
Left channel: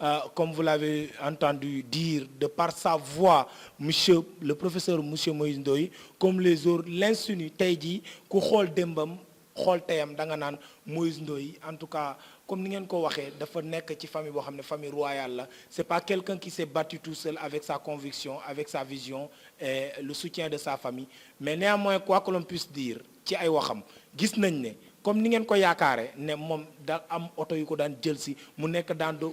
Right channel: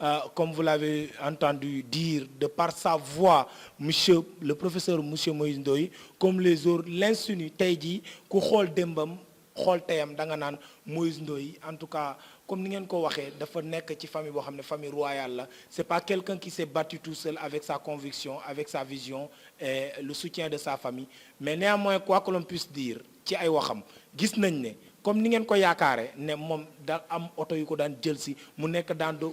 la comme vous l'avez entendu dire de par sa voix le professeur monsieur Moïse Ndoye comme les autres l'insinue tey jii ku xool démbam xool teyam da nga naan Moïse Ndoye en tout cas comme ni ngeen ko waxee dafa nekk ci famille boo xam ne famille royale la c'est pas quelqu'un qui s'est battu tout seul avec sa conviction avec sa vision et le soutien de sa famille mais néanmoins quoi que l'on puisse dire ci ay waxam gis nañ ne comme ni ngeen ko yaakaare ne moom da am oto yu ko daan jël si mu nekk dans de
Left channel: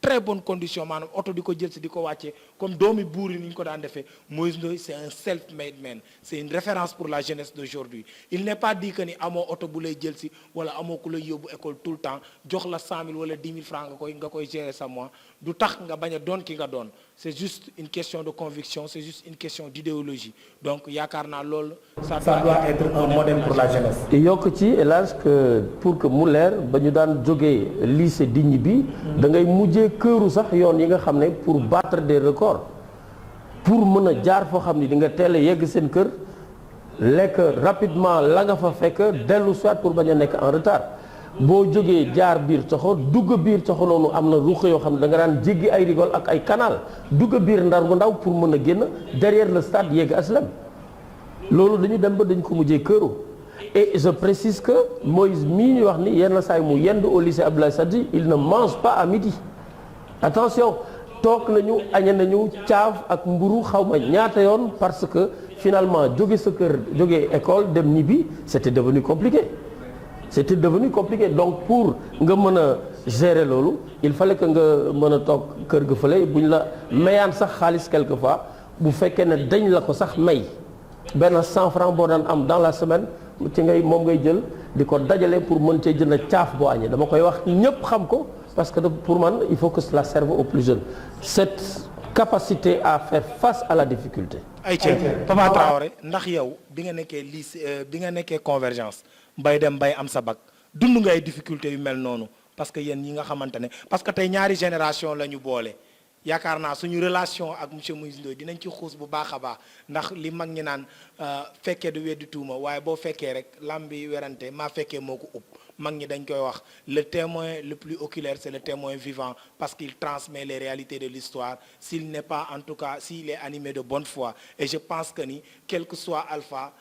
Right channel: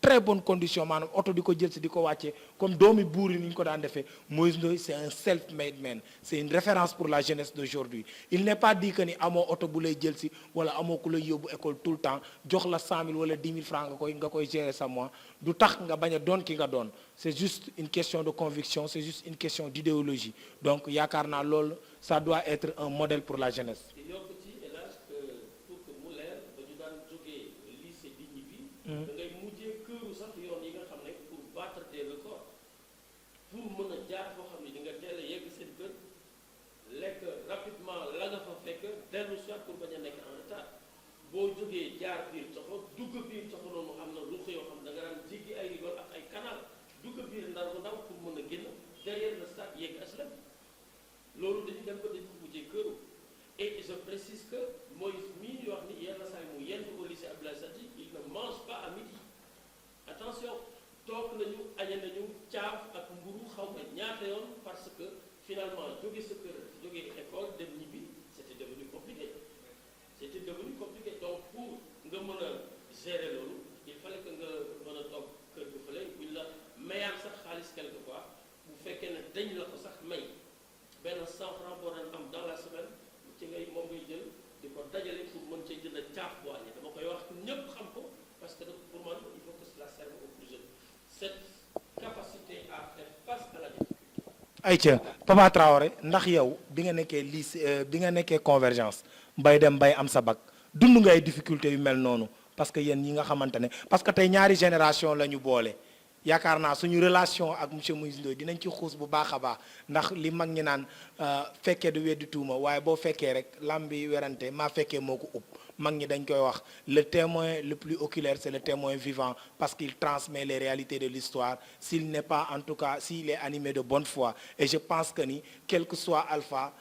très bonnes conditions maanaam oto di ko jël si di ko wàccee comme doomi buur yi ni ñu ko daan defee Moïse Ndoye c'est un self-made man c'est une référence pour la jeunesse d'aujourd'hui il n'est pas dit que ni amoo oto bu lay jël si wala amoo ku lay yóbbu école tout le temps jox la 100 000 wala 10 000 francs nga koy gérer sa mois du tax nga bañ a doon ki nga doon c'est juste une question de conviction c'est juste une question d'idéologie donc yaakaar naa loolu ça doit être un modèle pour la jeunesse. yokk ci hélas que pour que mu leer ba ñu daan jógee lycée Digny bi da ngay mujjee këru sax yoon yi nga xam ne pour battre des records pour mën a jaar foo xam ni di nga teel a yegg seen kër lekk rapidement la nga fa fekk dellu soit pour bañ a nekk en retard boo jógee jaar biir coxo dugg biir coxo noonu am na ruq yoo xam ne da nga daan jéggi ay rigole ak ay canal dugg biir ndar bu ndaw pour mën a génn derrière le stade yegg HLM loolu dañu dem ba dañ ko mujjee këru et je précise que Moïse mii ñu wax ni yenn saa yi mu yendu au lycée Abdoulaye Sadji il ne mange pas à midi attention toog nañu añe nañu caaf ak mburu xaw ma ñaata yoon parce que finalement jóge sa kër jóge école dem ñibbi c'était devenu compliqué donc pour nga mën a gérer loolu il fallait que nga mën a toog kër ga fële bu ñu la mayaan sax xaalis quelquefois bu fekkee ne dañ la ko sax may benn 100 francs boo daan am dans la semaine ci moom ngay jël di ko dajale pour mën cee jënd caaf boo añee dama koy wax ñëpp xam ko parce que pour man il faut que cela serve aux plus jeunes cette capacité à faire face à la difficulté. ayca Papa Traoré ndax yow bi nga nekkee lycée bi nga nekkee convergence bay dem bay am sa bac dund nga ay difficultés yu mel noonu parce que yéen ñi nga xamante ne parce que tey ñaari génération la ñu boole yaakaar naa suñu relation ak monsieur Moïse Ndoye dinañ ci xuus bu baax a baax ndax li mag ñi naan fekkee du weddi tuuma waaye boo fekkee rek lam bi werante maa fekkee moo ko ub mag ñi dañ koy wax le témoin le plus oculaire c'est le témoin vivant parce qu'il transmet les réalités de l'histoire s'il n'est pas en tout cas s'il est animé de bonne foi et je pense que ni quel que soit Alpha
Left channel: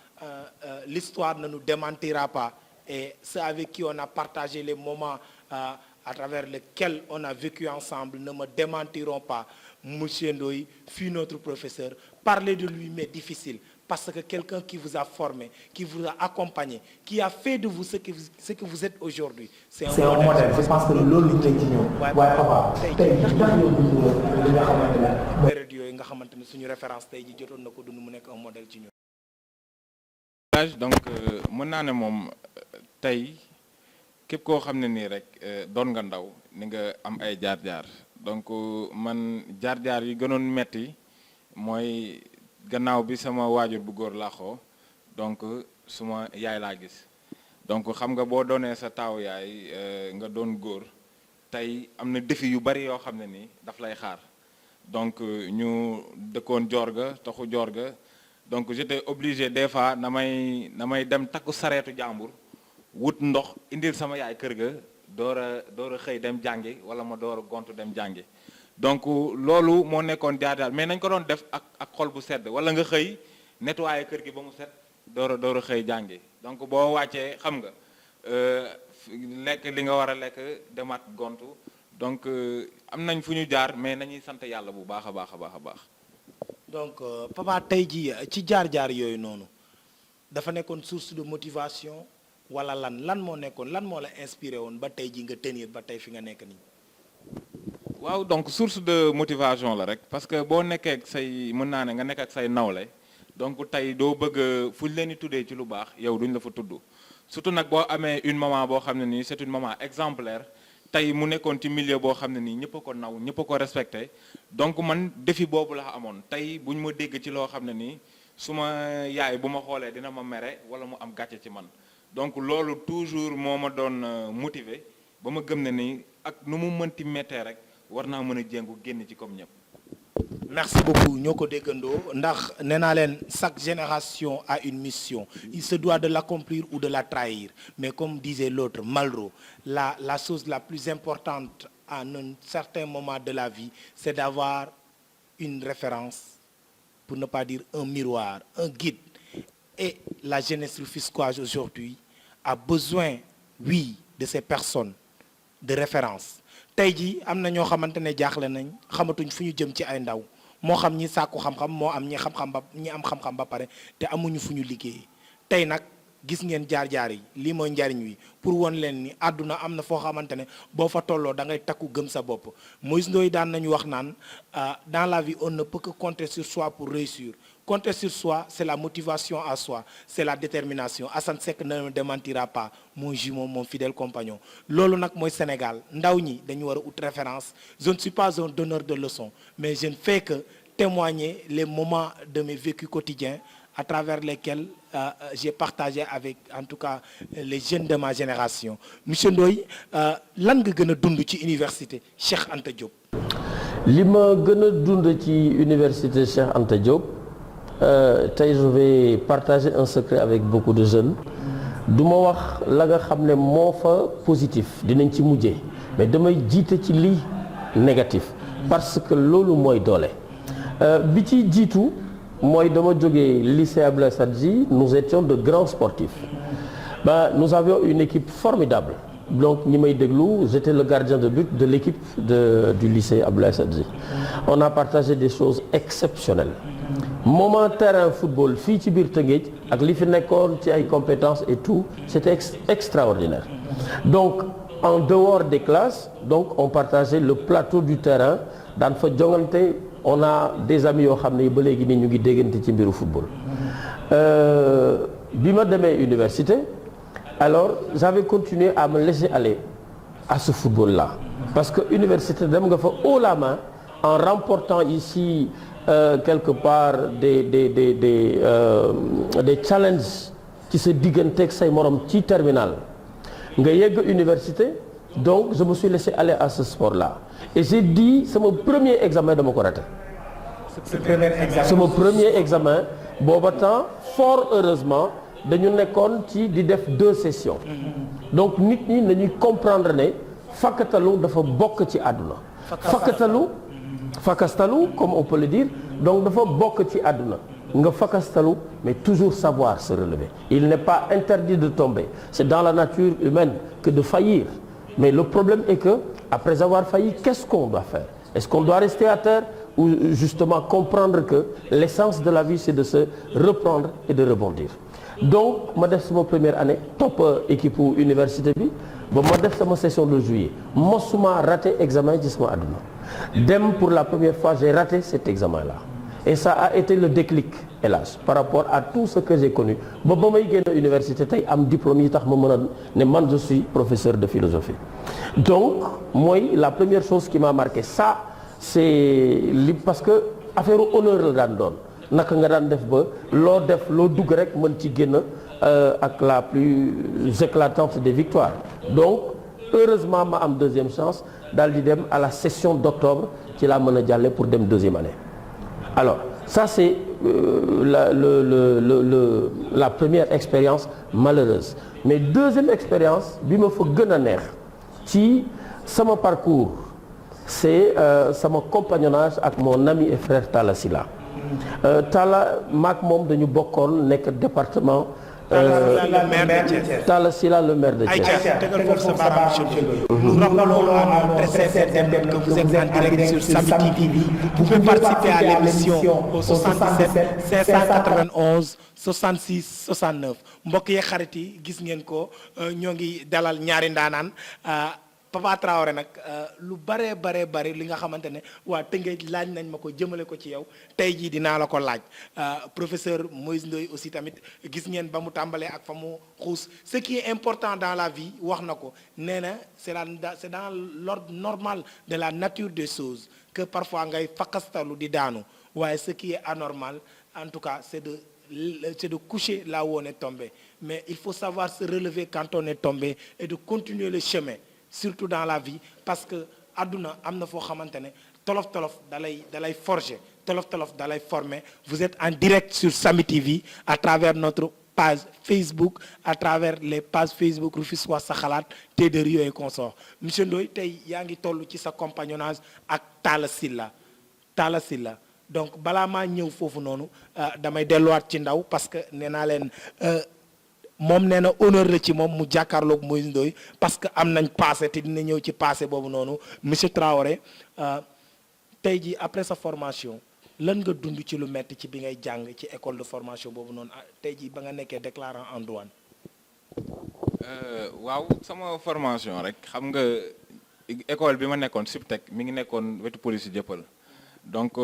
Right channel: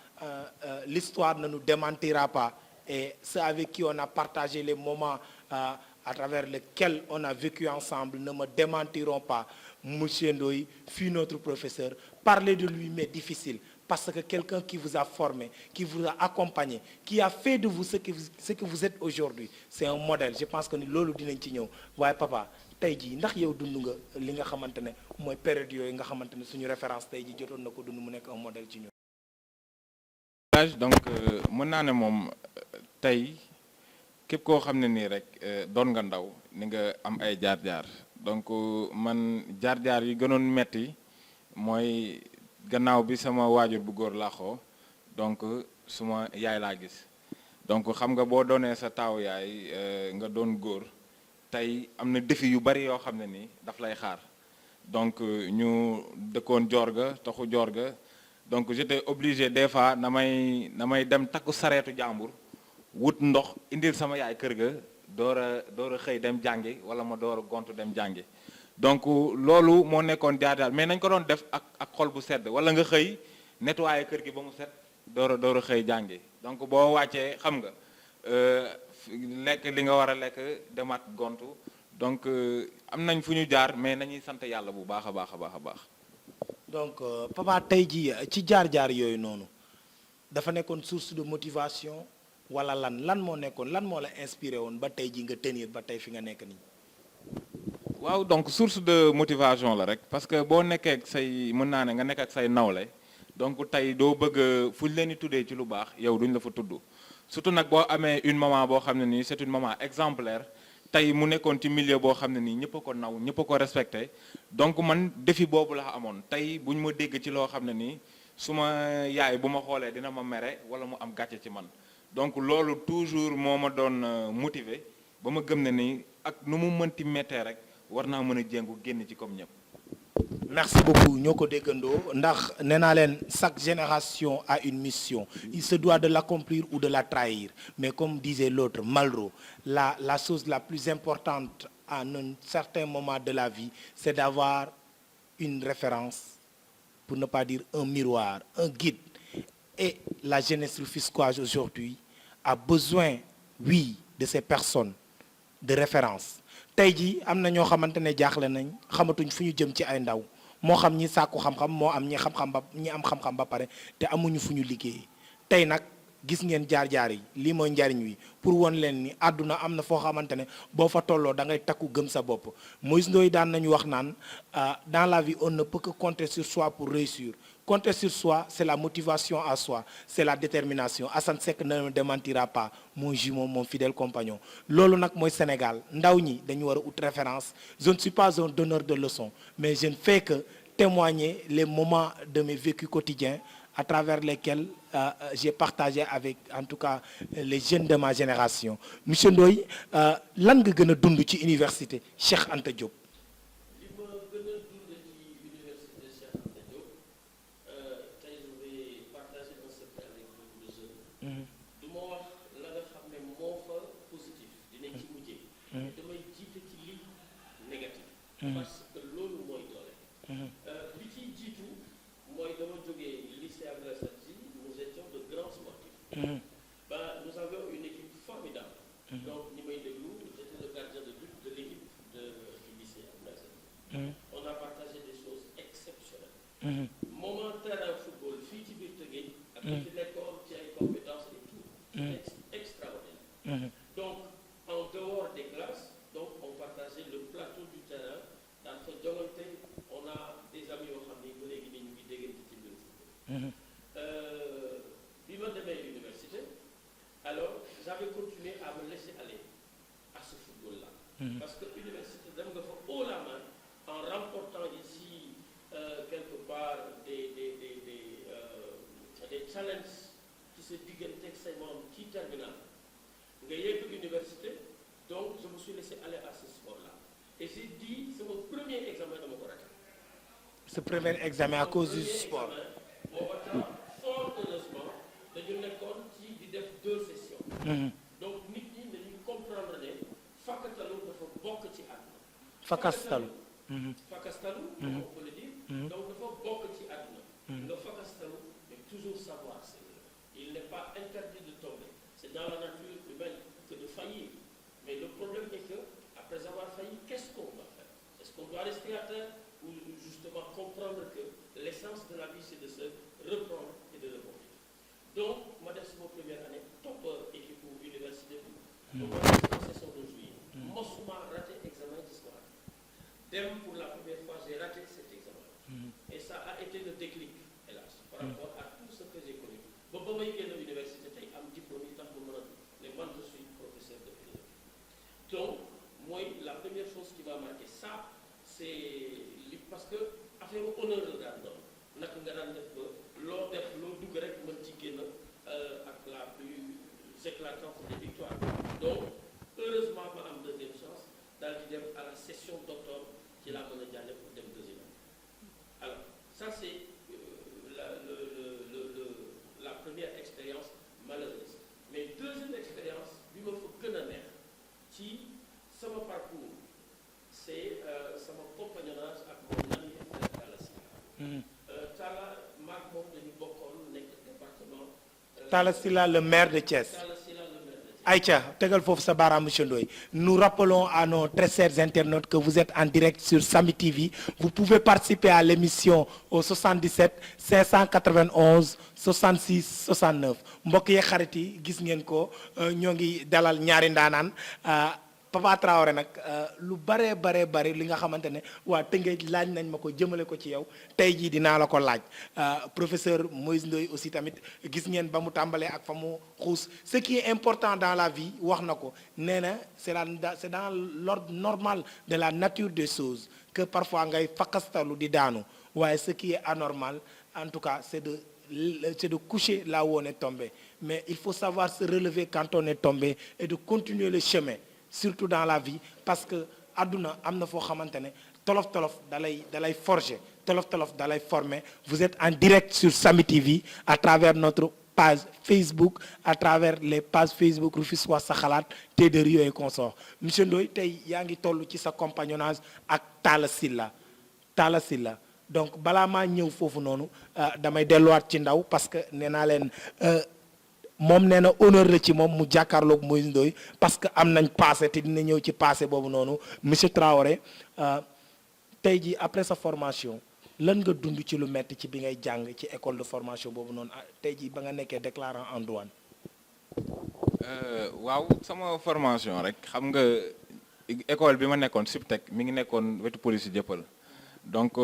l'histoire ne nous démentira pas et ceux avec qui on a partagé les moments à travers lesquels on a vécu ensemble ne me démentiront pas. Monsieur Ndoye fut notre professeur. Parler de lui m'est difficile parce que quelqu'un qui vous a formé, qui vous a accompagné, qui a fait de vous ce que vous êtes aujourd'hui, c'est un modèle. Je pense que loolu lañ ci ñëw. waaye papa tey jii ndax yow li nga xamante ne mooy période yooyu nga xamante ne suñu référence tey jii jotoon na ko dund mu nekk un modèle ci ñun. donc mën naa ne moom tey képp koo xam ne nii rek doon nga ndaw ni nga am ay jaar-jaar donc man jaar-jaar yi gënoon metti mooy gannaaw bi sama waajur bu góor laaxoo donc suma yaay laa gis donc xam nga boo doonee sa taaw yaay nga doon góor tey am na défi yu bari yoo xam ne nii daf lay xaar donc ñu dëkkoon Diorga taxu Diorga donc j'étais obligé des fois na may dem takku sareetu jàmbur wut ndox indil sama yaay kër ga door a xëy dem jàngi wala ma door a gontu dem jàngi donc loolu moo nekkoon jaar-jaar mais nañ ko doon def ak xol bu sedd wala nga xëy nettoyer kër gi ba mu set door a xëy jàngi donc boo wàccee xam nga lekk li nga war a lekk demaat gontu donc am nañ fu ñu jaar mais nañuy sant yàlla bu baax a baax a baax a baax. donc papa tey jii ci jaar-jaar yooyu noonu dafa nekkoon source de motivation. wala lan moo nekkoon lan moo la inspiré woon ba tey ji nga tenir ba tey fi nga nekk nii. waaw donc source de motivation la rek parce que boo nekkee ak say mën naa ne nga nekk ak say nawle donc tey doo bëgg fu ñu leen di tuddee ci lu baax yow duñ la fa tudd surtout nag boo amee une maman boo xam ne nii c'est une maman exemplaire tey mu nekkoon ci milieu boo xam ne nii ñëpp a ko naw ñëpp a ko respecté donc man défi boobu la amoon tey buñ ma dégg ci loo xam ne nii su ma yaay bu ma xoolee dina ma mere wala mu am gàcce ci man. donc loolu toujours moo ma doon motiver ba ma gëm ne ni ak nu mu mënti méttee rek war naa mën a jéngu génn ci comme ñëpp. merci beaucoup ñoo ko déggandoo ndax nee naa leen chaque génération a une mission il se doit de l'accomplir ou de la trahir mais comme disait l'autre Malraux la chose la plus importante à un certain moment de la vie c'est d'avoir une référence pour ne pas dire un miroir un guide et la jeunesse rufisquoise aujourd'hui a besoin, oui, de ces personnes de référence tey jii am na ñoo xamante ne jaaxle nañ xamatuñ fu ñu jëm ci ay ndaw moo xam ñi sàkku xam-xam moo am ñi am xam-xam ba pare te amuñu fu ñu liggéey tey nag gis ngeen jaar-jaar yi lii mooy njariñ wi pour won leen ni àdduna am na foo xamante ne boo fa tolloo da ngay takku gëm sa bopp Moïse Ndoye daan nañu wax naan dans la vie on ne peut que compter sur soi pour réussir compter sur soi c'est la motivation à soi c'est la détermination Assane Seck ne me démentira pas mon jumeau mon fidèle compagnon loolu nag mooy Sénégal ndaw ñi dañu war a ut référence je ne suis pas un donneur de leçons mais je ne fais que témoigner les moments de mes vécus quotidiens à travers lesquels j'ai partagé avec en tout cas les jeunes de ma génération monsieur Ndoye lan nga gën a dund ci université Cheikh Anta Diop. li ma gën a dund ci université Cheikh Anta Diop tey je vais partager un secret avec beaucoup de jeunes du ma wax la nga xam ne moo fa positif dinañ ci mujjee mais damay jiite ci lii négatif parce que loolu mooy doole bi ci jiitu. mooy dama jógee lycée Abdoulaye Sadji nous étions de grands sportifs nous avions une équipe formidable donc ñi may déglu j'étais le gardien de but de l'équipe du lycée Abdoulaye Sadji on a partagé des choses exceptionnelles moment terrain football fii ci biir Tëngéej ak li fi nekkoon ci ay compétences et tout c'était extraordinaire donc en dehors des classes donc on partageait le plateau du terrain daan fa jongante on a des amis yoo xam ne ba léegi nii ñu ngi déggante ci mbiru football bi ma demee université alors j'avais continué à me laisser aller à ce football là parce que université dem nga fa haut la main en remportant ici quelque part des challenges ci sa digganteeg say morom ci terminal nga yegg université donc je me suis laissé aller à ce sport là et j'ai dit sama premier examen dama ko raté sama premier examen booba temps fort heureusement dañu nekkoon ci di def 2 sessions donc nit ñi nañuy comprendre ne fakkatalu dafa bokk ci àdduna fakastalu comme on peut le dire donc dafa bokk ci àdduna nga fakastalu mais toujours savoir se relever il n'est pas interdit de tomber c'est dans la nature humaine que de faillir mais le problème est que après avoir failli qu'est-ce qu'on doit faire est-ce qu'on doit rester à terre ou justement comprendre que l'essence de la vie c'est de se reprendre et de rebondir donc ma def sama première année topp équipe université bi ba ma def sama session de juillet mosuma raté examen ci sama àdduna dem pour la première fois j'ai raté cet examen là et ça a été le déclic hélas par rapport à tout ce que j'ai connu ba may génn université tey am diplôme yi tax ma mën a ne man je suis professeur de philosophie donc mooy la première chose qui m'a marqué ça c'est li parce que affaire honneur la daan doon naka nga daan def ba loo dugg rek mën ci génn ak la plus éclatante des victoires donc heureusement ma am deuxième chance daal di dem à la session d'octobre ci laa mën a jàlle pour dem deuxième année alors ça c'est la première expérience malheureuse mais deuxième expérience bi ma fa gën a neex ci sama parcours c'est sama compagnonnage ak mon ami et frère Talla Sylla Talla maak moom dañu bokkoon nekk département Talla Sylla le maire de Thiès. Talla Sylla le maire de Thiès. Aïcha tegal foofu sa baaraam monsieur Ndoye. Nous rappelons à nos très chers internautes que vous êtes en direct sur Samy TV. Vous pouvez participer à l'émission au 77 591 66 69 mbokk yi xarit yi gis ngeen ko ñoo ngi dalal ñaari ndaanaan Papa Traoré nag lu bare li nga xamante ne waa Tëngéej laaj nañ ma ko jëmale ko ci yow tey jii dinaa la ko laaj professeur Moïse Ndoye aussi tamit gis ngeen ba mu tàmbalee ak fa mu xuus ce qui est important dans la vie wax na ko nee na c'est dans l'ordre normal de la nature des choses que parfois ngay fakkastalu di daanu waaye ce qui est anormal en tout cas c'est de coucher là où on est tombé mais il faut savoir se relever quand on est tombé et de continuer le chemin surtout dans la vie parce que àdduna am na foo xamante ne tolof-tolof dalay forger tolof-tolof dalay former vous êtes en direct sur Samy TV à travers notre page Facebook à travers les pages Facebook Rufisque Wax Sa Xalaat Thé de Rio et consorts monsieur Ndoye tey yaa ngi toll ci sa compagnonnage ak Talla Sylla donc balaa maa ñëw foofu noonu damay delluwaat ci ndaw parce que nee naa leen moom nee na honneur la ci moom mu jàkkaarloog Moïse Ndoye parce que am nañ passé te dina ñëw ci passé boobu noonu monsieur Traoré tey jii après sa formation lan nga dund ci lu metti ci bi ngay jàng ci école de formation boobu noonu tey jii ba nga nekkee déclarant en douane. waaw sama formation rek xam nga école bi ma nekkoon Subtech mi ngi nekkoon wetu police jëppal donc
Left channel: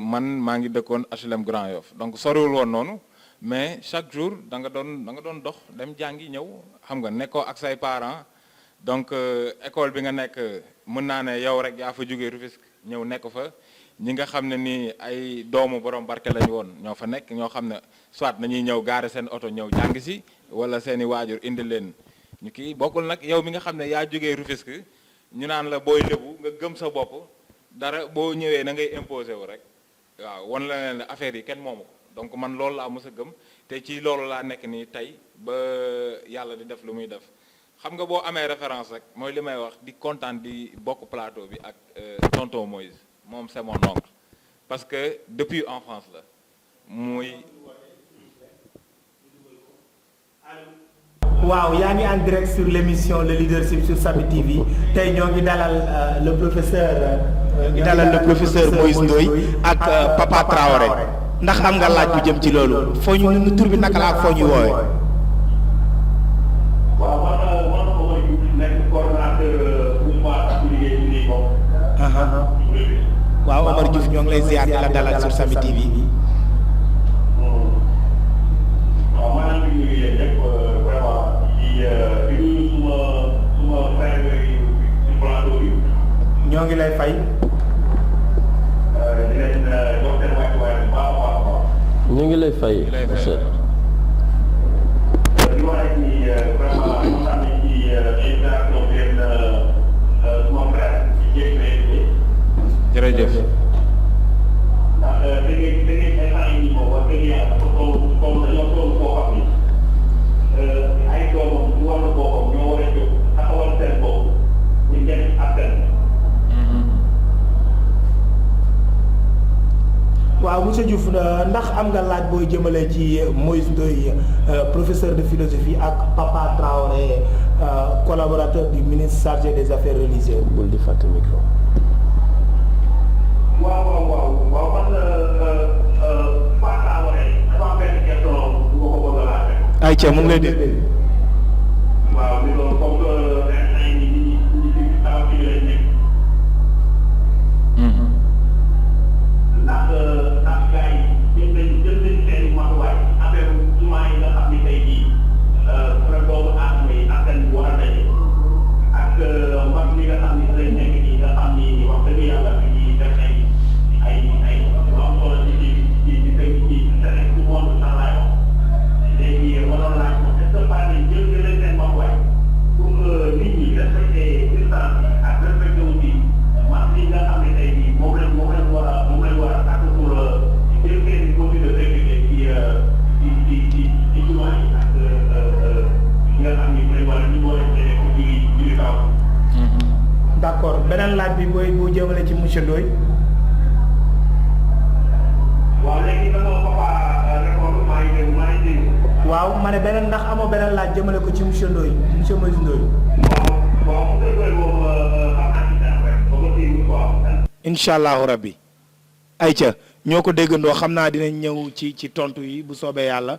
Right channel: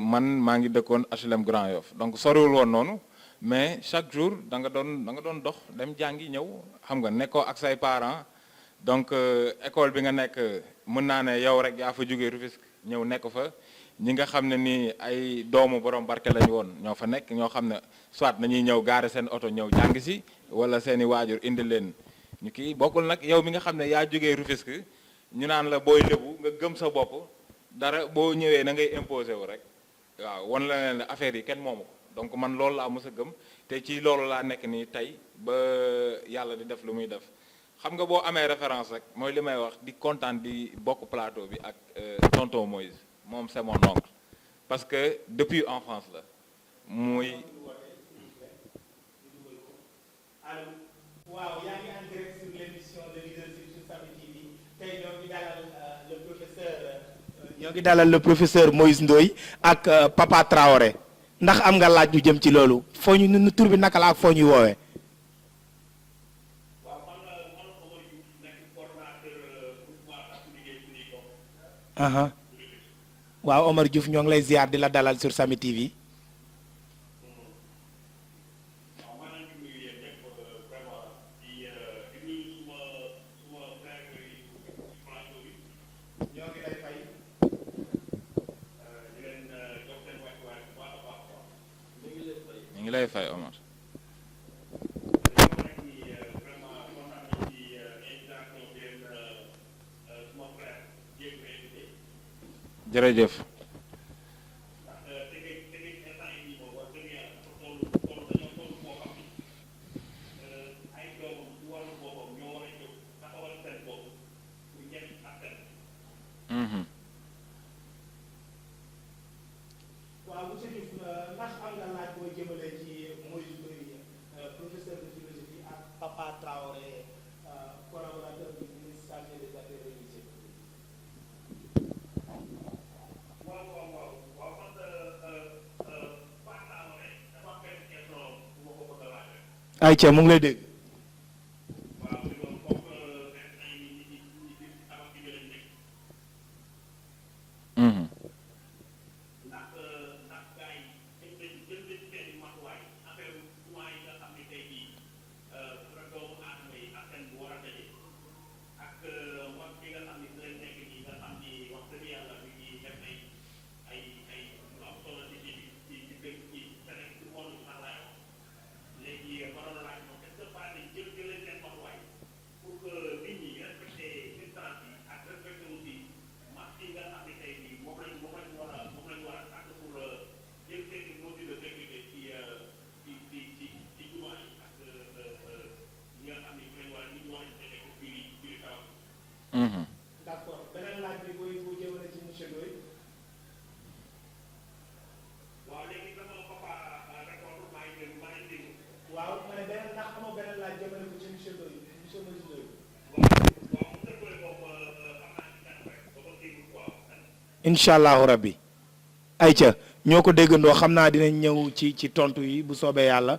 man maa ngi dëkkoon HLM Grand Yoff donc soriwul woon noonu mais chaque jour da nga doon dox dem jàngi ñëw xam nga nekkoo ak say parents donc école bi nga nekk mën naa ne yow rek yaa fa jógee Rufisque ñëw nekk fa ñi nga xam ne ni ay doomu borom barke lañu woon ñoo fa nekk ñoo xam ne soit nañuy ñëw gaare seen oto ñëw jàng si wala seeni waajur indi leen ñu kii bokkul nag yow mi nga xam ne yaa jógee Rufisque ñu naan la booy lébu nga gëm sa bopp dara boo ñëwee na ngay imposé wu rek waaw wan la leen affaire yi kenn moomu ko donc man loolu laa mës a gëm te ci loolu laa nekk nii tey ba yàlla di def lu muy def xam nga boo amee référence rek mooy li may wax di kontaan di bokk plateau bi ak tonton Moïse moom c'est mon oncle parce que depuis enfance la muy. waaw yaa ngi en direct sur l'émission le leadership sur Samy TV tey ñoo ngi dalal le professeur Moïse Ndoye ak Papa Traoré ndax am nga laaj bu jëm ci loolu foo ñu nu tur bi naka la ak foo ñuy woowee. waaw Omar Diouf ñoo ngi lay ziar di la dalal sur Samy TV. ñoo ngi lay fay. ñu ngi lay fay. jërëjëf. waaw monsieur Diouf ndax am nga laaj booy jëmale ci Moïse Ndoye professeur de philosophie ak Papa Traoré collaborateur du ministre chargé des affaires religieuses. bul di fàtte micro. waaw man Papa Traoré dafa am benn question bu ma ko bëgg a laaj. ayca mu ngi lay dégg. waaw comme ay ñi am ci lay nekk. ndax gars yi jël nañu seen matuwaay affaire jumaa yi nga xam ni tey jii fra doomu aadama yi askan bi war a daje ak mbas li nga xam ni lay nekk nii nga xam ni wax dëgg yàlla fi ñuy def ay lu am solo ci tout le monde sax laay wax léegi waroon laaj ko est-ce que pas ni jël leen seen matuwaay pour nit ñi respecté distance ak respecté aussi mbas li nga xam ne tey jii moom leen war a ak pour ci biir seen mesure de sécurité ci jumaa yi ak nga xam ni mooy wala ñu war a jëlee ko ci kaw. d'accord beneen laaj bi boo jëmale ci monsieur Ndoye. waaw léegi dama Papa répondre maa ngi dégg. waaw ma ne beneen ndax amoo beneen laaj jëmale ko ci monsieur Ndoye monsieur Moïse Ndoye. waaw monsieur Ndoye moom xam naa ci dara rek ba nga déglu quoi. incha allahu rabbi. ayca ñoo ko déggandoo xam naa dinañ ñëw ci tontu yi bu soobee yàlla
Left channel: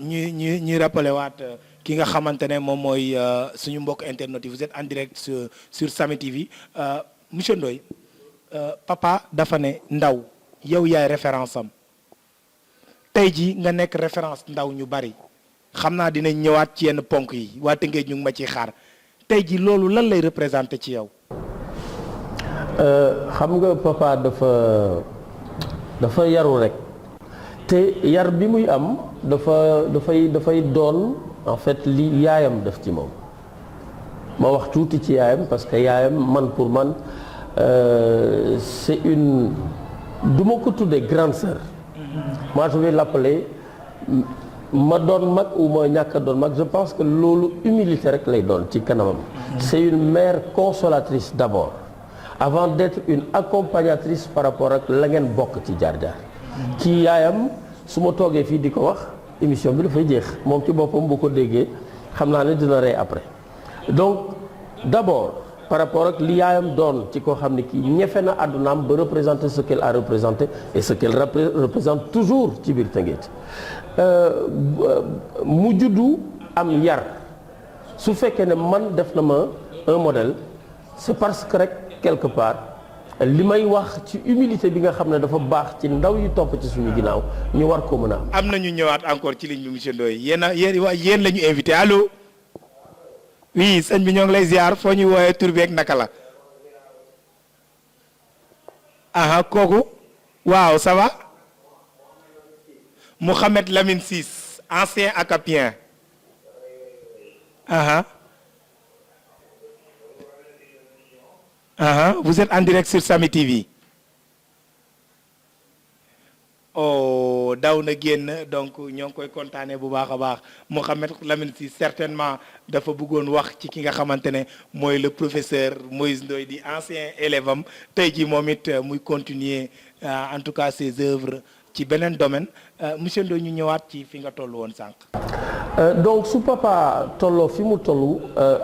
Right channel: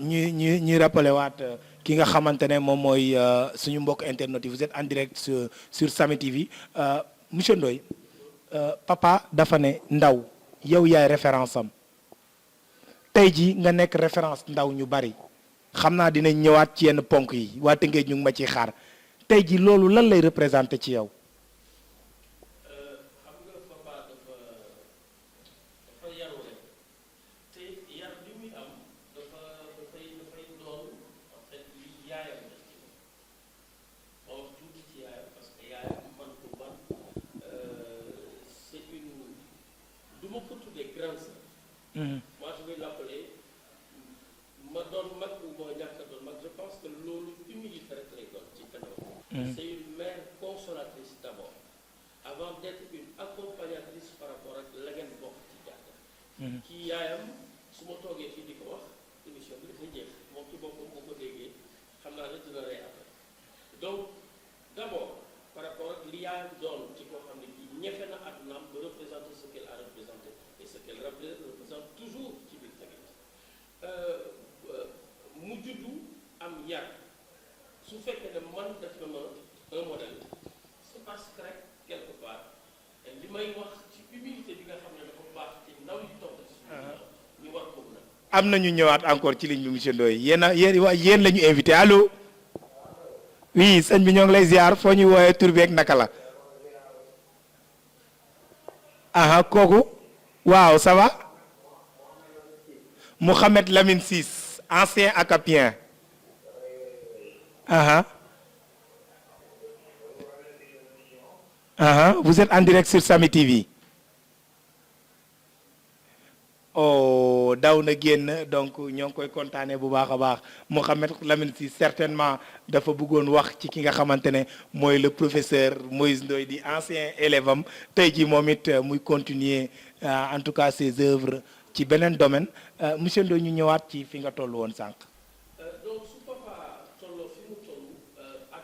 ñuy rappelé waat ki nga xamante ne moom mooy suñu mbokk internet yi vous êtes en direct sur Samy TV monsieur Ndoye papa dafa ne ndaw yow yaay référence am tey ji nga nekk référence ndaw ñu bari xam naa dinañ ñëwaat ci yenn ponk yi waa Tëngéej ñu ngi ma ciy xaar tey ji loolu lan lay représenté ci yow. xam nga papa dafa yaru rek te yar bi muy am dafay doon en fait li yaayam def ci moom ma wax tuuti ci yaayam parce que yaayam man pour man c'est une du ma ko tuddee grande sœur. moi je vais l'appeler ma doon mag ou ma ñàkk a doon mag je pense que loolu humilité rek lay doon ci kanamam. c'est une mère consolatrice d'abord avant d'être une accompagnatrice par rapport ak la ngeen bokk ci jaar-jaar. ci yaayam su ma toogee fii di ko wax émission bi dafay jeex moom ci boppam bu ko déggee xam naa ne dina rey après. donc d'abord par rapport ak li yaayam doon ci koo xam ne kii ñefe na àddunaam ba représenter ce qu'elle a représenté et ce qu'elle représente toujours ci biir Tëngéej mu juddu am yar su fekkee ne man def na ma un modèle c'est parce que rek quelque part li may wax ci humilité bi nga xam ne dafa baax ci ndaw yi topp ci suñu ginnaaw ñu war ko mën a am. am na ñu ñëwaat encore ci ligne bi monsieur Ndoye yéen la ñu invité allo oui sëñ bi ñoo ngi lay ziar foo ñuy woowee tur beeg naka la. aha kooku waaw ça va Mouhamed Lamine Ciss ancien acapien. aha vous êtes en direct sur Samy TV. oh daw na génn donc ñoo ngi koy kontaanee bu baax a baax Mouhamed Lamine Ciss certainement dafa bëggoon wax ci ki nga xamante ne mooy le professeur Moïse Ndoye di ancien élève am tey jii moom it muy continuer en tout cas ses œuvres ci beneen domaine monsieur Ndoye ñu ñëwaat ci fi nga toll woon sànq. donc su papa tolloo fi mu tollu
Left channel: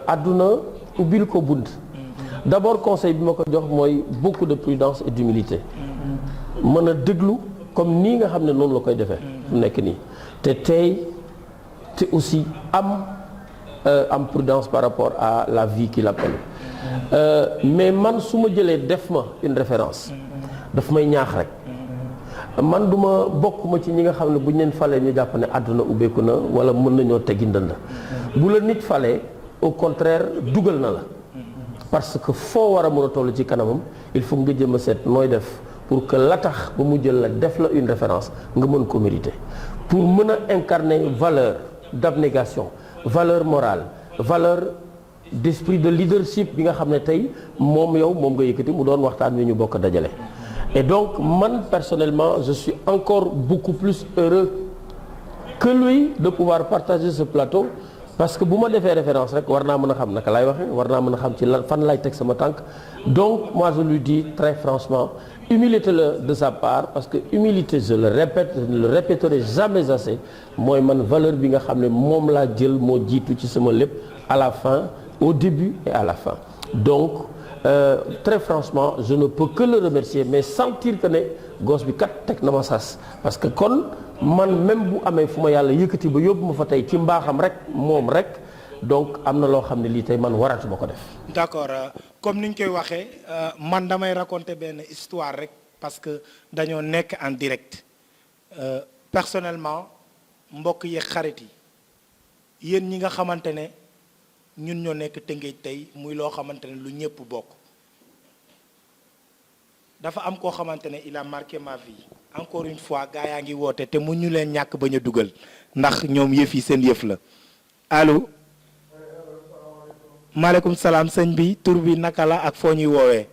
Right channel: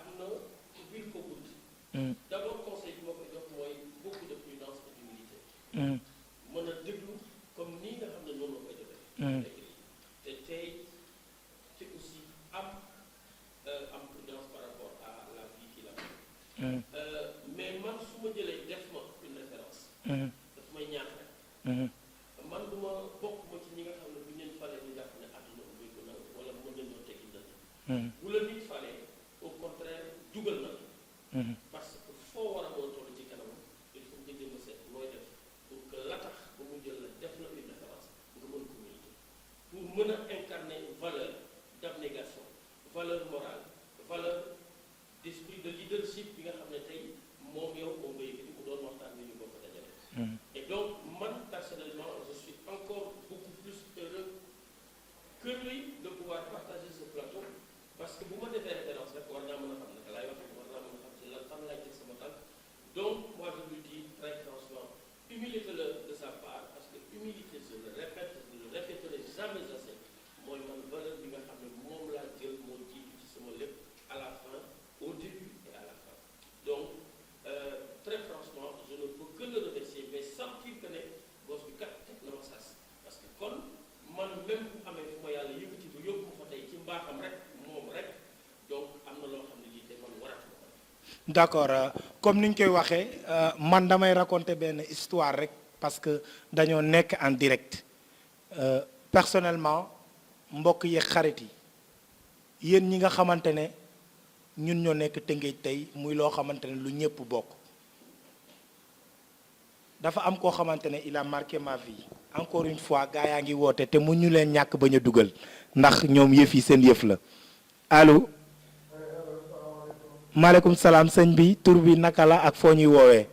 àdduna ubbil ko bunt. d'abord conseil bi ma ko jox mooy beaucoup de prudence et d'humilité. mën a déglu comme nii nga xam ne noonu la koy defee. mu nekk nii te tey te aussi am prudence par rapport à la vie qu'il appelle. mais man su ma jëlee def ma une référence. daf may ñaax rek. man duma bokk ma ci ñi nga xam ne bu ñu leen falee ñu jàpp ne àdduna ubbeeku na wala mën nañoo teggi ndënd. bu la nit falee au contraire dugal na la. parce que foo war a mën a toll ci kanamam il faut nga jëm a seet nooy def pour que la tax ba mu jël la def la une référence nga mën ko mériter. pour mën a incarner valeur d'abnégation valeur morale valeur d'esprit de leadership bi nga xam ne tey moom yow moom nga yëkkati mu doon waxtaan wi ñu bokk dajale. et donc man personnellement je suis encore beaucoup plus heureux que lui de pouvoir partager ce plateau parce que bu ma defee référence rek war naa mën a xam naka laay waxee war naa mën a xam ci lan fan laay teg sama tànk. donc moi je lui dis très franchement humilité la de sa part parce que humilité je le répète je ne le répéterai jamais assez mooy man valeur bi nga xam ne moom laa jël moo jiitu ci sama lépp à la fin au début et à la fin. donc très franchement je ne peux que le remercier mais sentir que ne gosse bi kat teg na ma sas parce que kon man même bu amee fu ma yàlla yëkkati ba yóbbu ma fa tey ci mbaaxam rek moom rek donc am na loo xam ne lii tey man waratuma ko def. d'accord comme ni ñu koy waxee man damay raconter benn histoire rek parce que dañoo nekk en direct personnellement mbokk yi xarit yi yéen ñi nga xamante ne ñun ñoo nekk Tëngéej tey muy loo xamante ne lu ñëpp bokk dafa am koo xamante ne il a marqué ma vie encore une fois gaa yaa ngi woote te mu ñu leen ñàkk bañ a dugal ndax ñoom yëf yi seen yëf la allo maaleykum salaam sëñ bi tur bi naka la ak foo ñuy woowee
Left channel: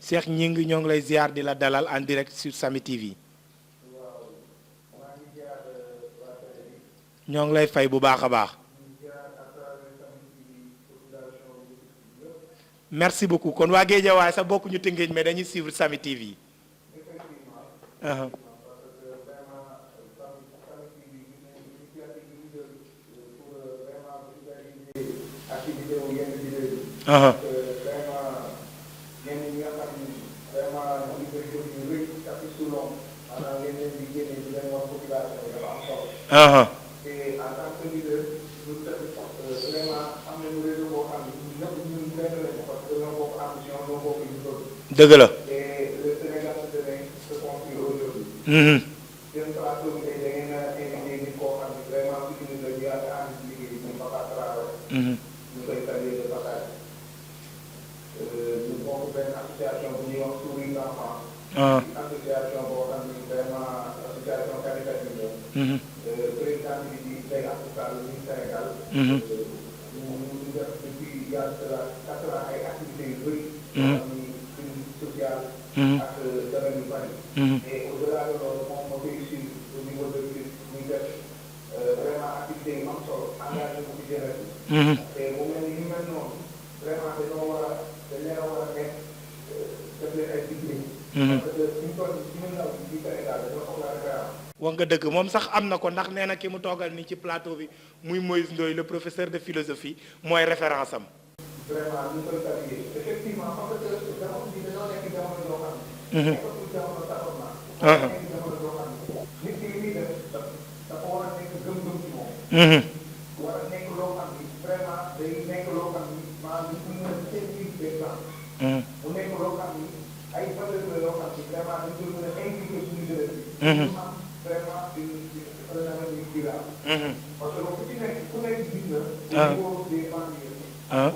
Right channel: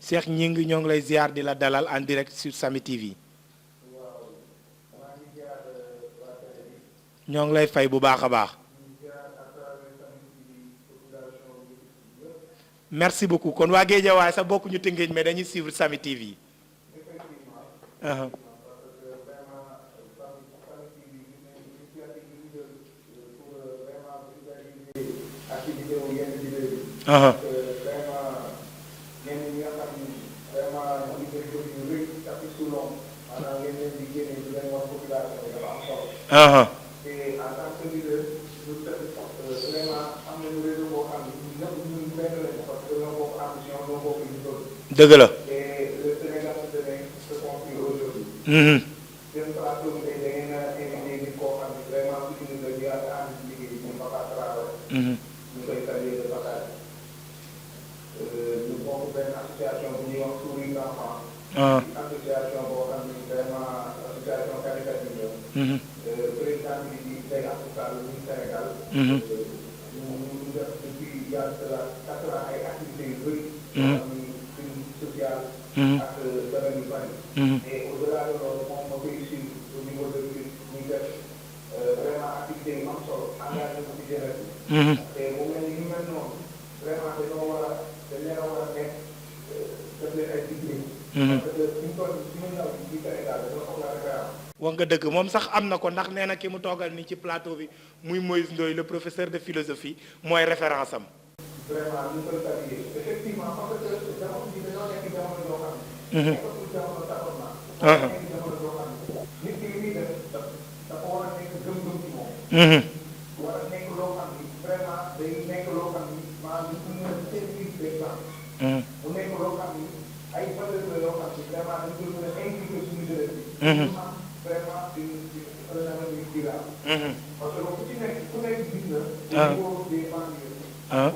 Cheikh Ñing ñoo ngi lay ziar di la dalal en direct sur Samy TV ñoo ngi lay fay bu baax a baax merci beaucoup kon waa Guédiawaye sax bokk ñu Tëngéej mais dañuy suivre Samy TV. dëgg la. association boo xam ne vraiment association caritative la. président bi di tey Africa lu Sénégal. ñu def depuis yàlla 4 ans ay activités yu bëri. yoo xam ni suñu social. ak domaine yu bari. et au-delà de loolu moom moo koy suivre au niveau de l'UE muy def vraiment activité yu am solo engagé ko ci jeunesse bi. te mu mel ni ñu mel noonu vraiment dañoo war a dañ leen a war a nekk def leen ay liggéey. parce que suñu toll suñu ndaw yi ci Sénégal dañoo soxla wax nga dëgg moom sax am na ko ndax nee na ki mu toogal ni ci plateau bi muy Moïse Ndoye le professeur de philosophie mooy référence am. vraiment ñu koy saluer effectivement parce que jamono bi dañoo nekk jamono yoo xam ne. nekkatul jamono tâtonnement. nekk jamono yoo xam ne nit ki li muy def dafa war a nekk gëm-gëm ci moom. war a nekk loo xam ni vraiment day nekk loo xam ni maanaam ñu mën a servir d'exemple. mu nekk loo xam ni ay valeurs la yoo xam ni vraiment dañ koy mën a impliquer suñu jeunesse bi. ñu am vraiment un avenir durable. parce que ku ci nekk ku nekk gis na. au niveau des banlieues.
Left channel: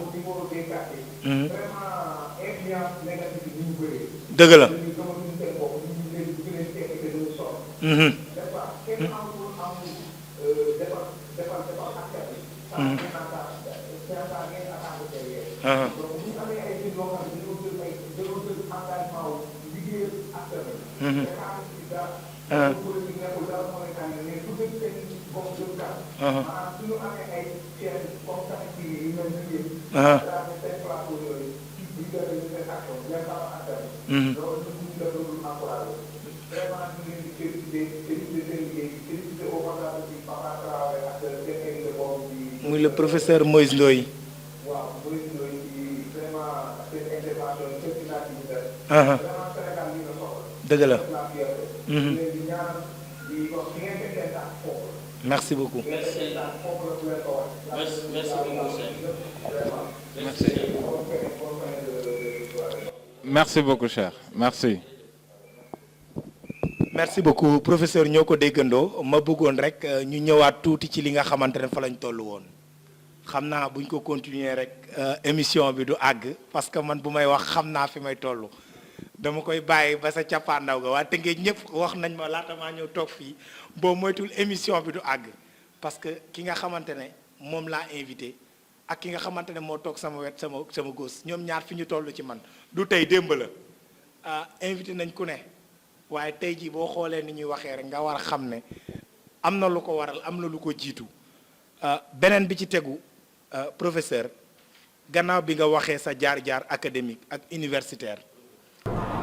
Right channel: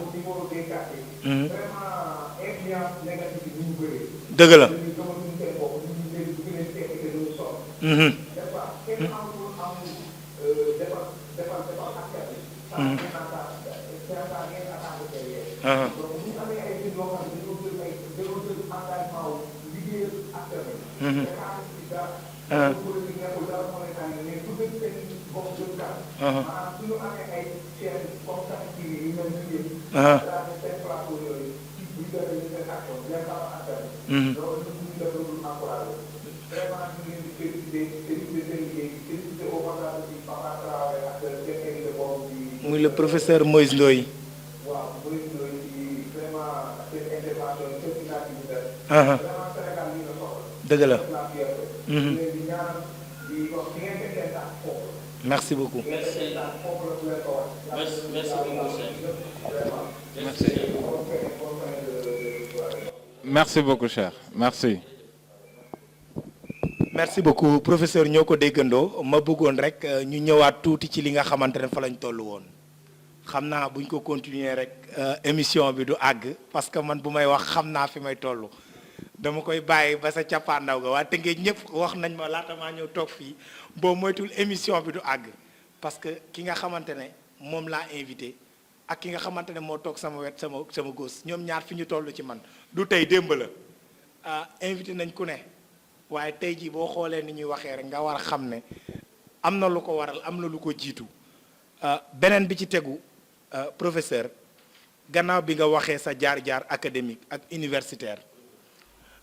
au niveau des quartiers. vraiment influence négative yi ñu bëree. dëgg la. ñu gëmatuñu seen bopp ñu leen di leen tekki te duñu sonn. des fois kenn amul defal askan bi. sans ngeen attaque derrière. donc bu ñu amee ay nit yoo xam ne dañoo jël engagement wu liggéeyal askan bi. te xaalis bi dara. politique nekkul dara monétaire mais su dee seen bopp jëm kanam. maanaam su ñu amee ay chaîne comme ça ci yu mel ni yéen. daal di seen plateau yooyu bu ñu defee ñu seen action bien avant askan bi. loolu ñu ngi def lu encouragé. vraiment ñu ngi leen di félicité seen liggéey félicité au passage aussi Papa Traoré ak seen invité boobu di. muy le professeur Moïse Ndoye. waaw Moïse Ndoye ci vraiment seen intervention seen initiative bi def. vraiment Sénégal lii la soxla. dëgg la. di ñaan di wax di ngeen fekk seen tànk foofu. merci beaucoup. Merci merci beaucoup cher merci. merci beaucoup professeur ñoo ko déggandoo ma bëggoon rek ñu ñëwaat tuuti ci li nga xamante ne fa lañ toll woon xam naa buñ ko continuer rek émission bi du àgg parce que man bu may wax xam naa fi may toll dama koy bàyyi ba sa cappaandaw ga waa Tëngéej ñëpp wax nañ ma laata maa ñëw toog fii boo moytul émission bi du àgg parce que ki nga xamante ne moom laa invité ak ki nga xamante ne moo toog sama wet sama gos ñoom ñaar fi ñu toll ci man du tey démb la invité nañ ku ne waaye tey jii boo xoolee ni ñuy waxee rek nga war a xam ne am na lu ko waral am na lu ko jiitu beneen bi ci tegu professeur gannaaw bi nga waxee sa jaar-jaar académique ak universitaire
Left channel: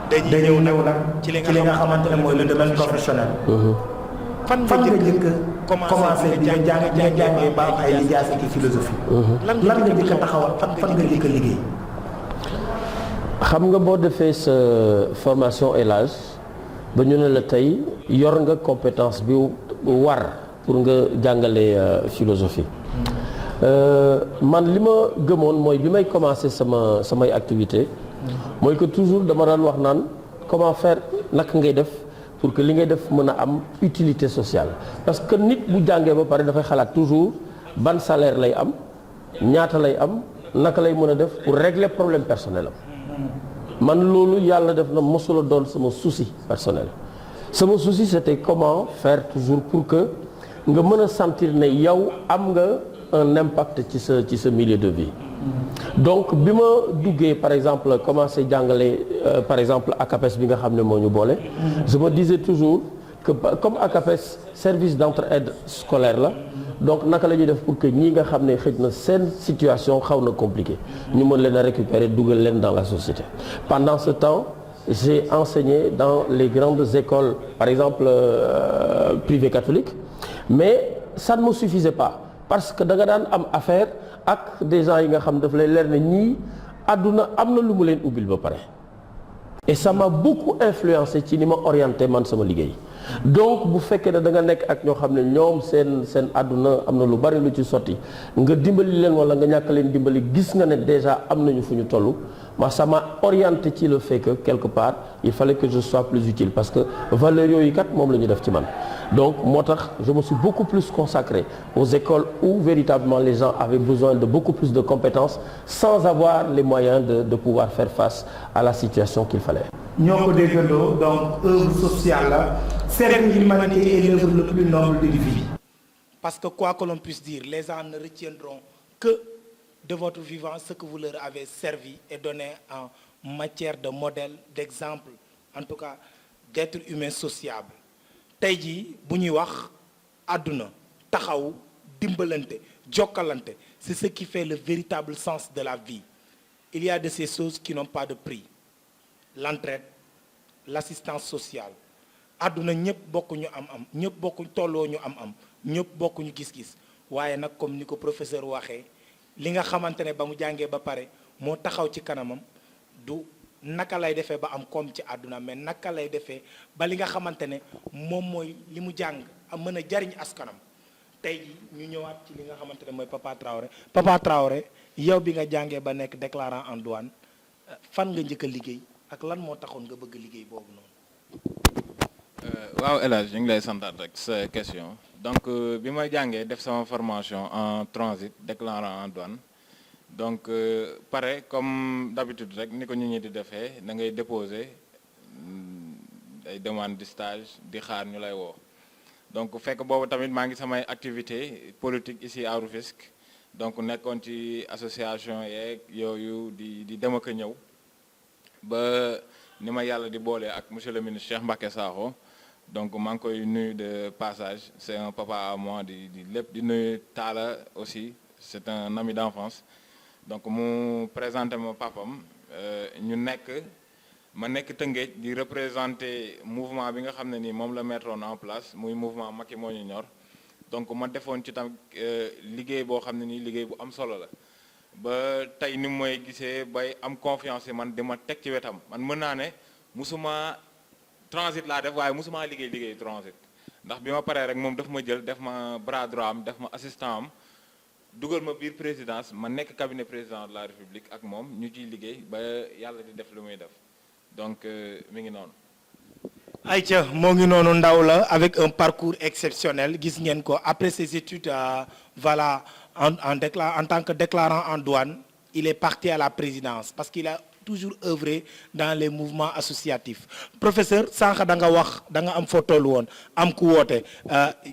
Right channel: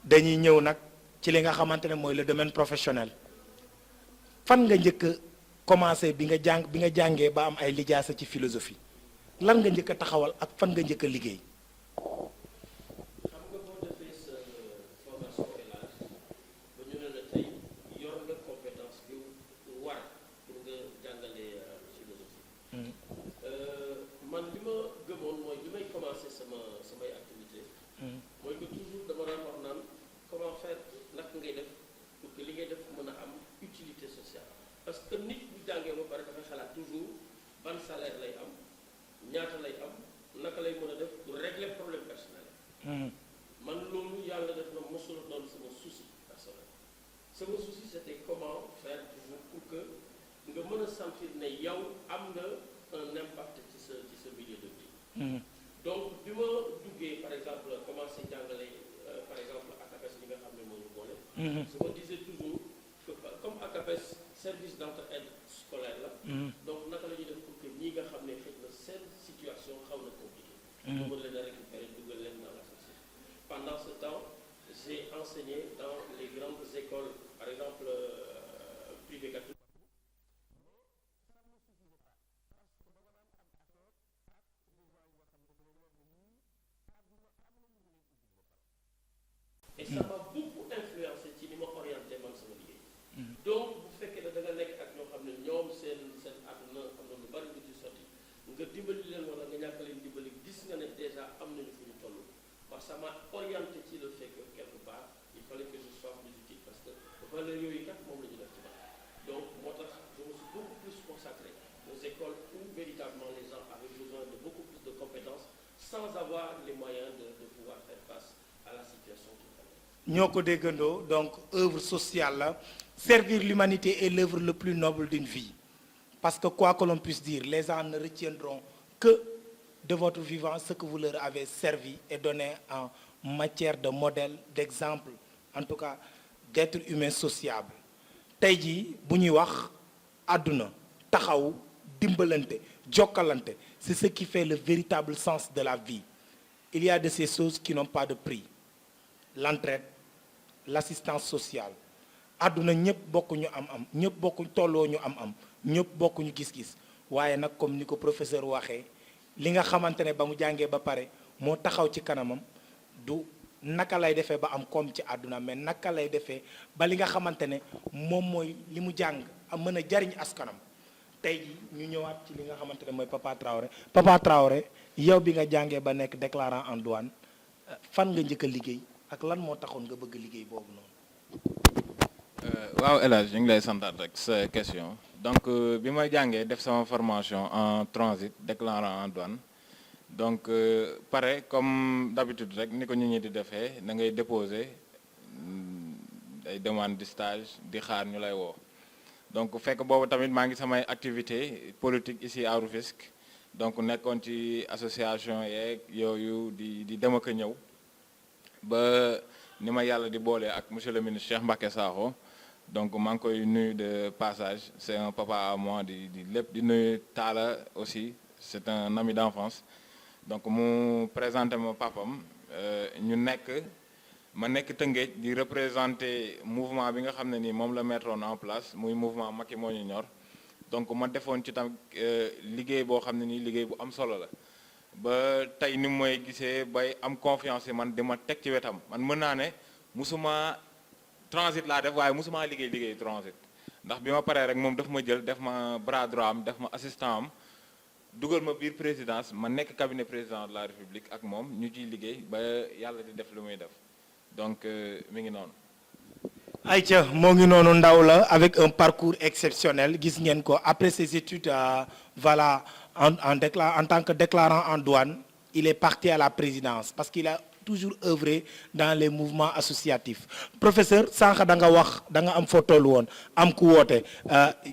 dañuy ñëw nag ci li nga xamante ne mooy le domaine professionnel. fan nga njëkk commencé bi nga jàngee ba am ay lijaasa ci philosophie. lan nga njëkk a taxawal fan nga njëkk a liggéey. xam nga boo defee sa formation élage ba ñu ne la tey yor nga compétence bi war pour nga jàngale philosophie man li ma gëmoon mooy bi may commencé samay activité mooy que toujours dama daan wax naan comment faire naka ngay def pour que li ngay def mën a am utilité sociale parce que nit bu jàngee ba pare dafay xalaat toujours ban salaire lay am ñaata lay am naka lay mën a def pour régler problème personnel am man loolu yàlla def na mosula doon sama souci personnel sama souci c'était comment faire toujours pour que nga mën a sentir ne yow am nga un impact ci sa milieu de vie donc bi ma duggee par exemple commencé jàngale par exemple ACAPES bi nga xam ne moo ñu boole je me disais toujours que comme ACAPES service d'entraide scolaire la donc naka la ñuy def pour que ñii nga xam ne xëj na seen situation xaw na compliqué ñu mën leen a récupérer dugal leen dans la société pendant ce temps j'ai enseigné dans les grandes écoles par exemple privées catholiques mais ça ne me suffisait pas parce que da nga daan am affaire ak des gens yi nga xam daf lay leer ne ñii àdduna am na lu mu leen ubbil ba pare et ça m'a beaucoup influencé ci ni ma orienté man sama liggéey donc bu fekkee ne da nga nekk ak ñoo xam ne ñoom seen àdduna am na lu bari lu ci sotti nga dimbali leen wala nga ñàkk leen dimbali gis nga ne déjà am nañu fu ñu toll ma ça m'a orienté ci le fait que quelque part il fallait que je sois plus utile parce que valeurs yooyu kat moom la ñu def ci man donc moo tax je me suis beaucoup plus consacré aux écoles où véritablement les gens avaient besoin de beaucoup plus de compétences sans avoir les moyens de pouvoir faire face à la situation qu'il fallait. ñoo ko déggandoo donc œuvre sociale servir l'humanité est l'œuvre le plus noble de vie. Parce que quoi que l'on puisse dire, les gens ne retiendront que de votre vivant ce que vous leur avez servi et donné en matière de modèle, d'exemple, en tout cas d'être humain sociable. tey jii bu ñuy wax àdduna taxaw dimbalante jokkalante c'est ce qui fait le véritable sens de la vie. Il y a de ces choses qui n'ont pas de prix. L'entraide, l'assistance sociale, àdduna ñëpp bokkuñu am-am ñëpp bokkuñ tolloo ñu am-am ñëpp bokkuñu gis-gis waaye nag comme ni ko professeur waxee li nga xamante ne ba mu jàngee ba pare moo taxaw ci kanamam du naka lay defee ba am koom ci àdduna mais naka lay defee ba li nga xamante ne moom mooy li mu jàng a mën a jariñ askanam tey ji ñu ñëwaat ci li nga xamante ne mooy Papa Traoré yow bi nga jàngee ba nekk déclarant en douane fan nga njëkk a liggéey ak lan moo taxoon nga bëgg liggéey boobu noonu. waaw El Hadj ñu ngi lay santaat rek sa question donc bi ma jàngee def sama formation en transit déclarant en douane donc pare comme d'habitude rek ni ko nit ñi di defee da ngay déposer ay demande de stage di xaar ñu lay woo donc fekk boobu tamit maa ngi samay activité politique ici à Rufisque donc nekkoon ci association yeeg yooyu di dem ak a ñëw ba ni ma yàlla di boole ak monsieur le ministre Cheikh Mbacké Sakho donc maa ngi koy nuyu de passage c'est un papa à moi di lépp di nuyu Talla aussi c'est un ami d'enfance donc mu présenté ma papam ñu ma nekk Tëngéej di représenter mouvement bi nga xam ne nii moom la mettroon en place muy mouvement Macky moo ñu ñor donc ma defoon ci tam liggéey boo xam ne nii liggéey bu am solo la ba tey ni mooy gisee bay am confiance man di ma teg ci wetam man mën naa ne musuma transit laa def waaye musuma liggéey transit ndax bi ma paree rek moom daf ma jël def ma bras droit am def ma assistant am dugal ma biir présidence ma nekk cabinet président de la République ak moom ñu ciy liggéey ba yàlla di def lu muy def donc mi ngi noonu. Aïcha moo ngi noonu ndaw la avec un parcours exceptionnel gis ngeen ko après ses études voilà en tant que déclarant en douane il est parti à la présidence parce qu'il a toujours œuvré dans les mouvements associatifs professeur sànq da nga wax da nga am foo toll woon am ku woote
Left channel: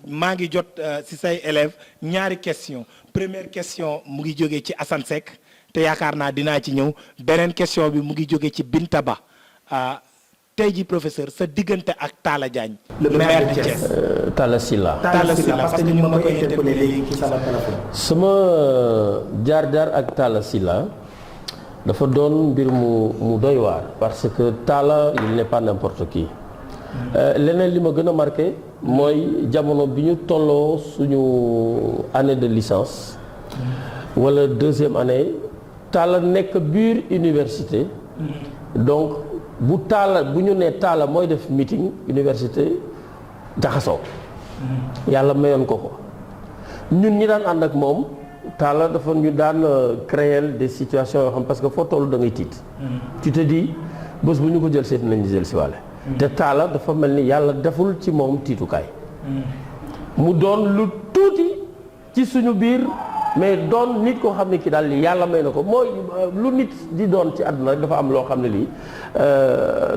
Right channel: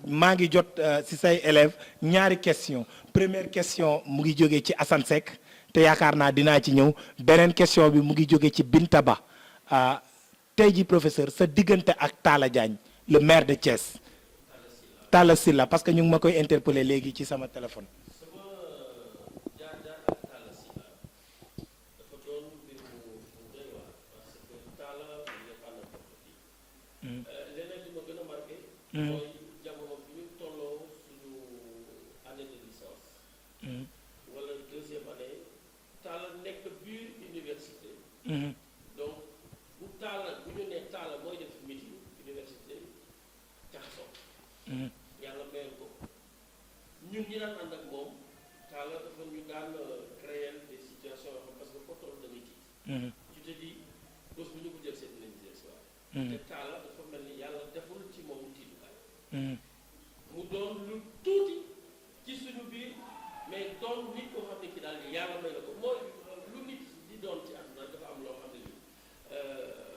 maa ngi jot ci say élèves ñaari question première question mu ngi jógee ci Assane Seck te yaakaar naa dinaa ci ñëw beneen question bi mu ngi jógee ci Binta Ba tey ji professeur sa diggante ak Talla Diagne le maire de Thiès. Talla Sylla parce que ñu ngi ma koy interpeller léegi ci sa téléphone. sama jaar-jaar ak Talla Sylla dafa doon mbir mu doy waar parce que Talla il n'est pas n'importe qui. leneen li ma gën a marqué mooy jamono bi ñu tolloo suñu année de licence wala deuxième année Talla nekk biir université donc bu ñu nee Talla mooy def meeting université jaxasoo yàlla mayoon ko ñun ñi daan ànd ak moom Talla dafa ñu daan créer des situations yoo xam parce que foo toll da ngay tiit tu te dis bés bu ñu ko jël seet nañu jël si wàlle te Talla dafa mel ni yàlla deful ci moom tiitukaay mu doon lu tuuti ci suñu biir mais doon nit koo xam ne ki daal yàlla may na ko mooy lu nit di doon ci àdduna rek dafa am loo xam ne lii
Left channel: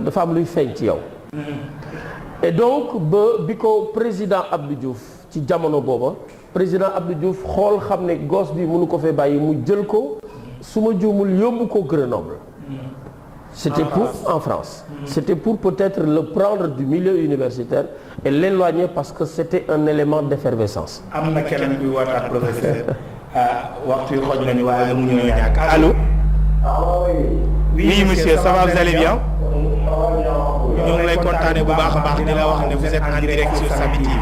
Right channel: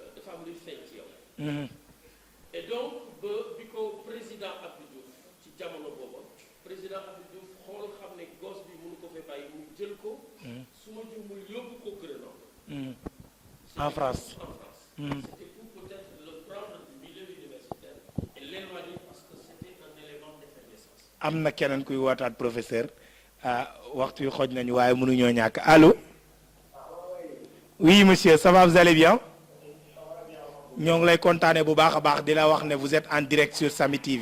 dafa am luy feeñ ci yow et donc bi ko président Abdou Diouf ci jamono booba président Abdou Diouf xool xam ne gosse bi mënu ko fee bàyyi mu jël ko su ma juumul yóbbu ko Grenoble c'était pour en France c'était pour peut-être le prendre du milieu universitaire et l'éloigner parce que c'était un élément d'effervescence. am na kenn kuy waxtaan professeur waxtu bi xoj nañu waaye mënuñoo ñàkk allô. oui monsieur ça va vous allez bien. ñoo ngi lay kontaane bu baax a baax di la wax ne vous êtes en direct sur Samy TV.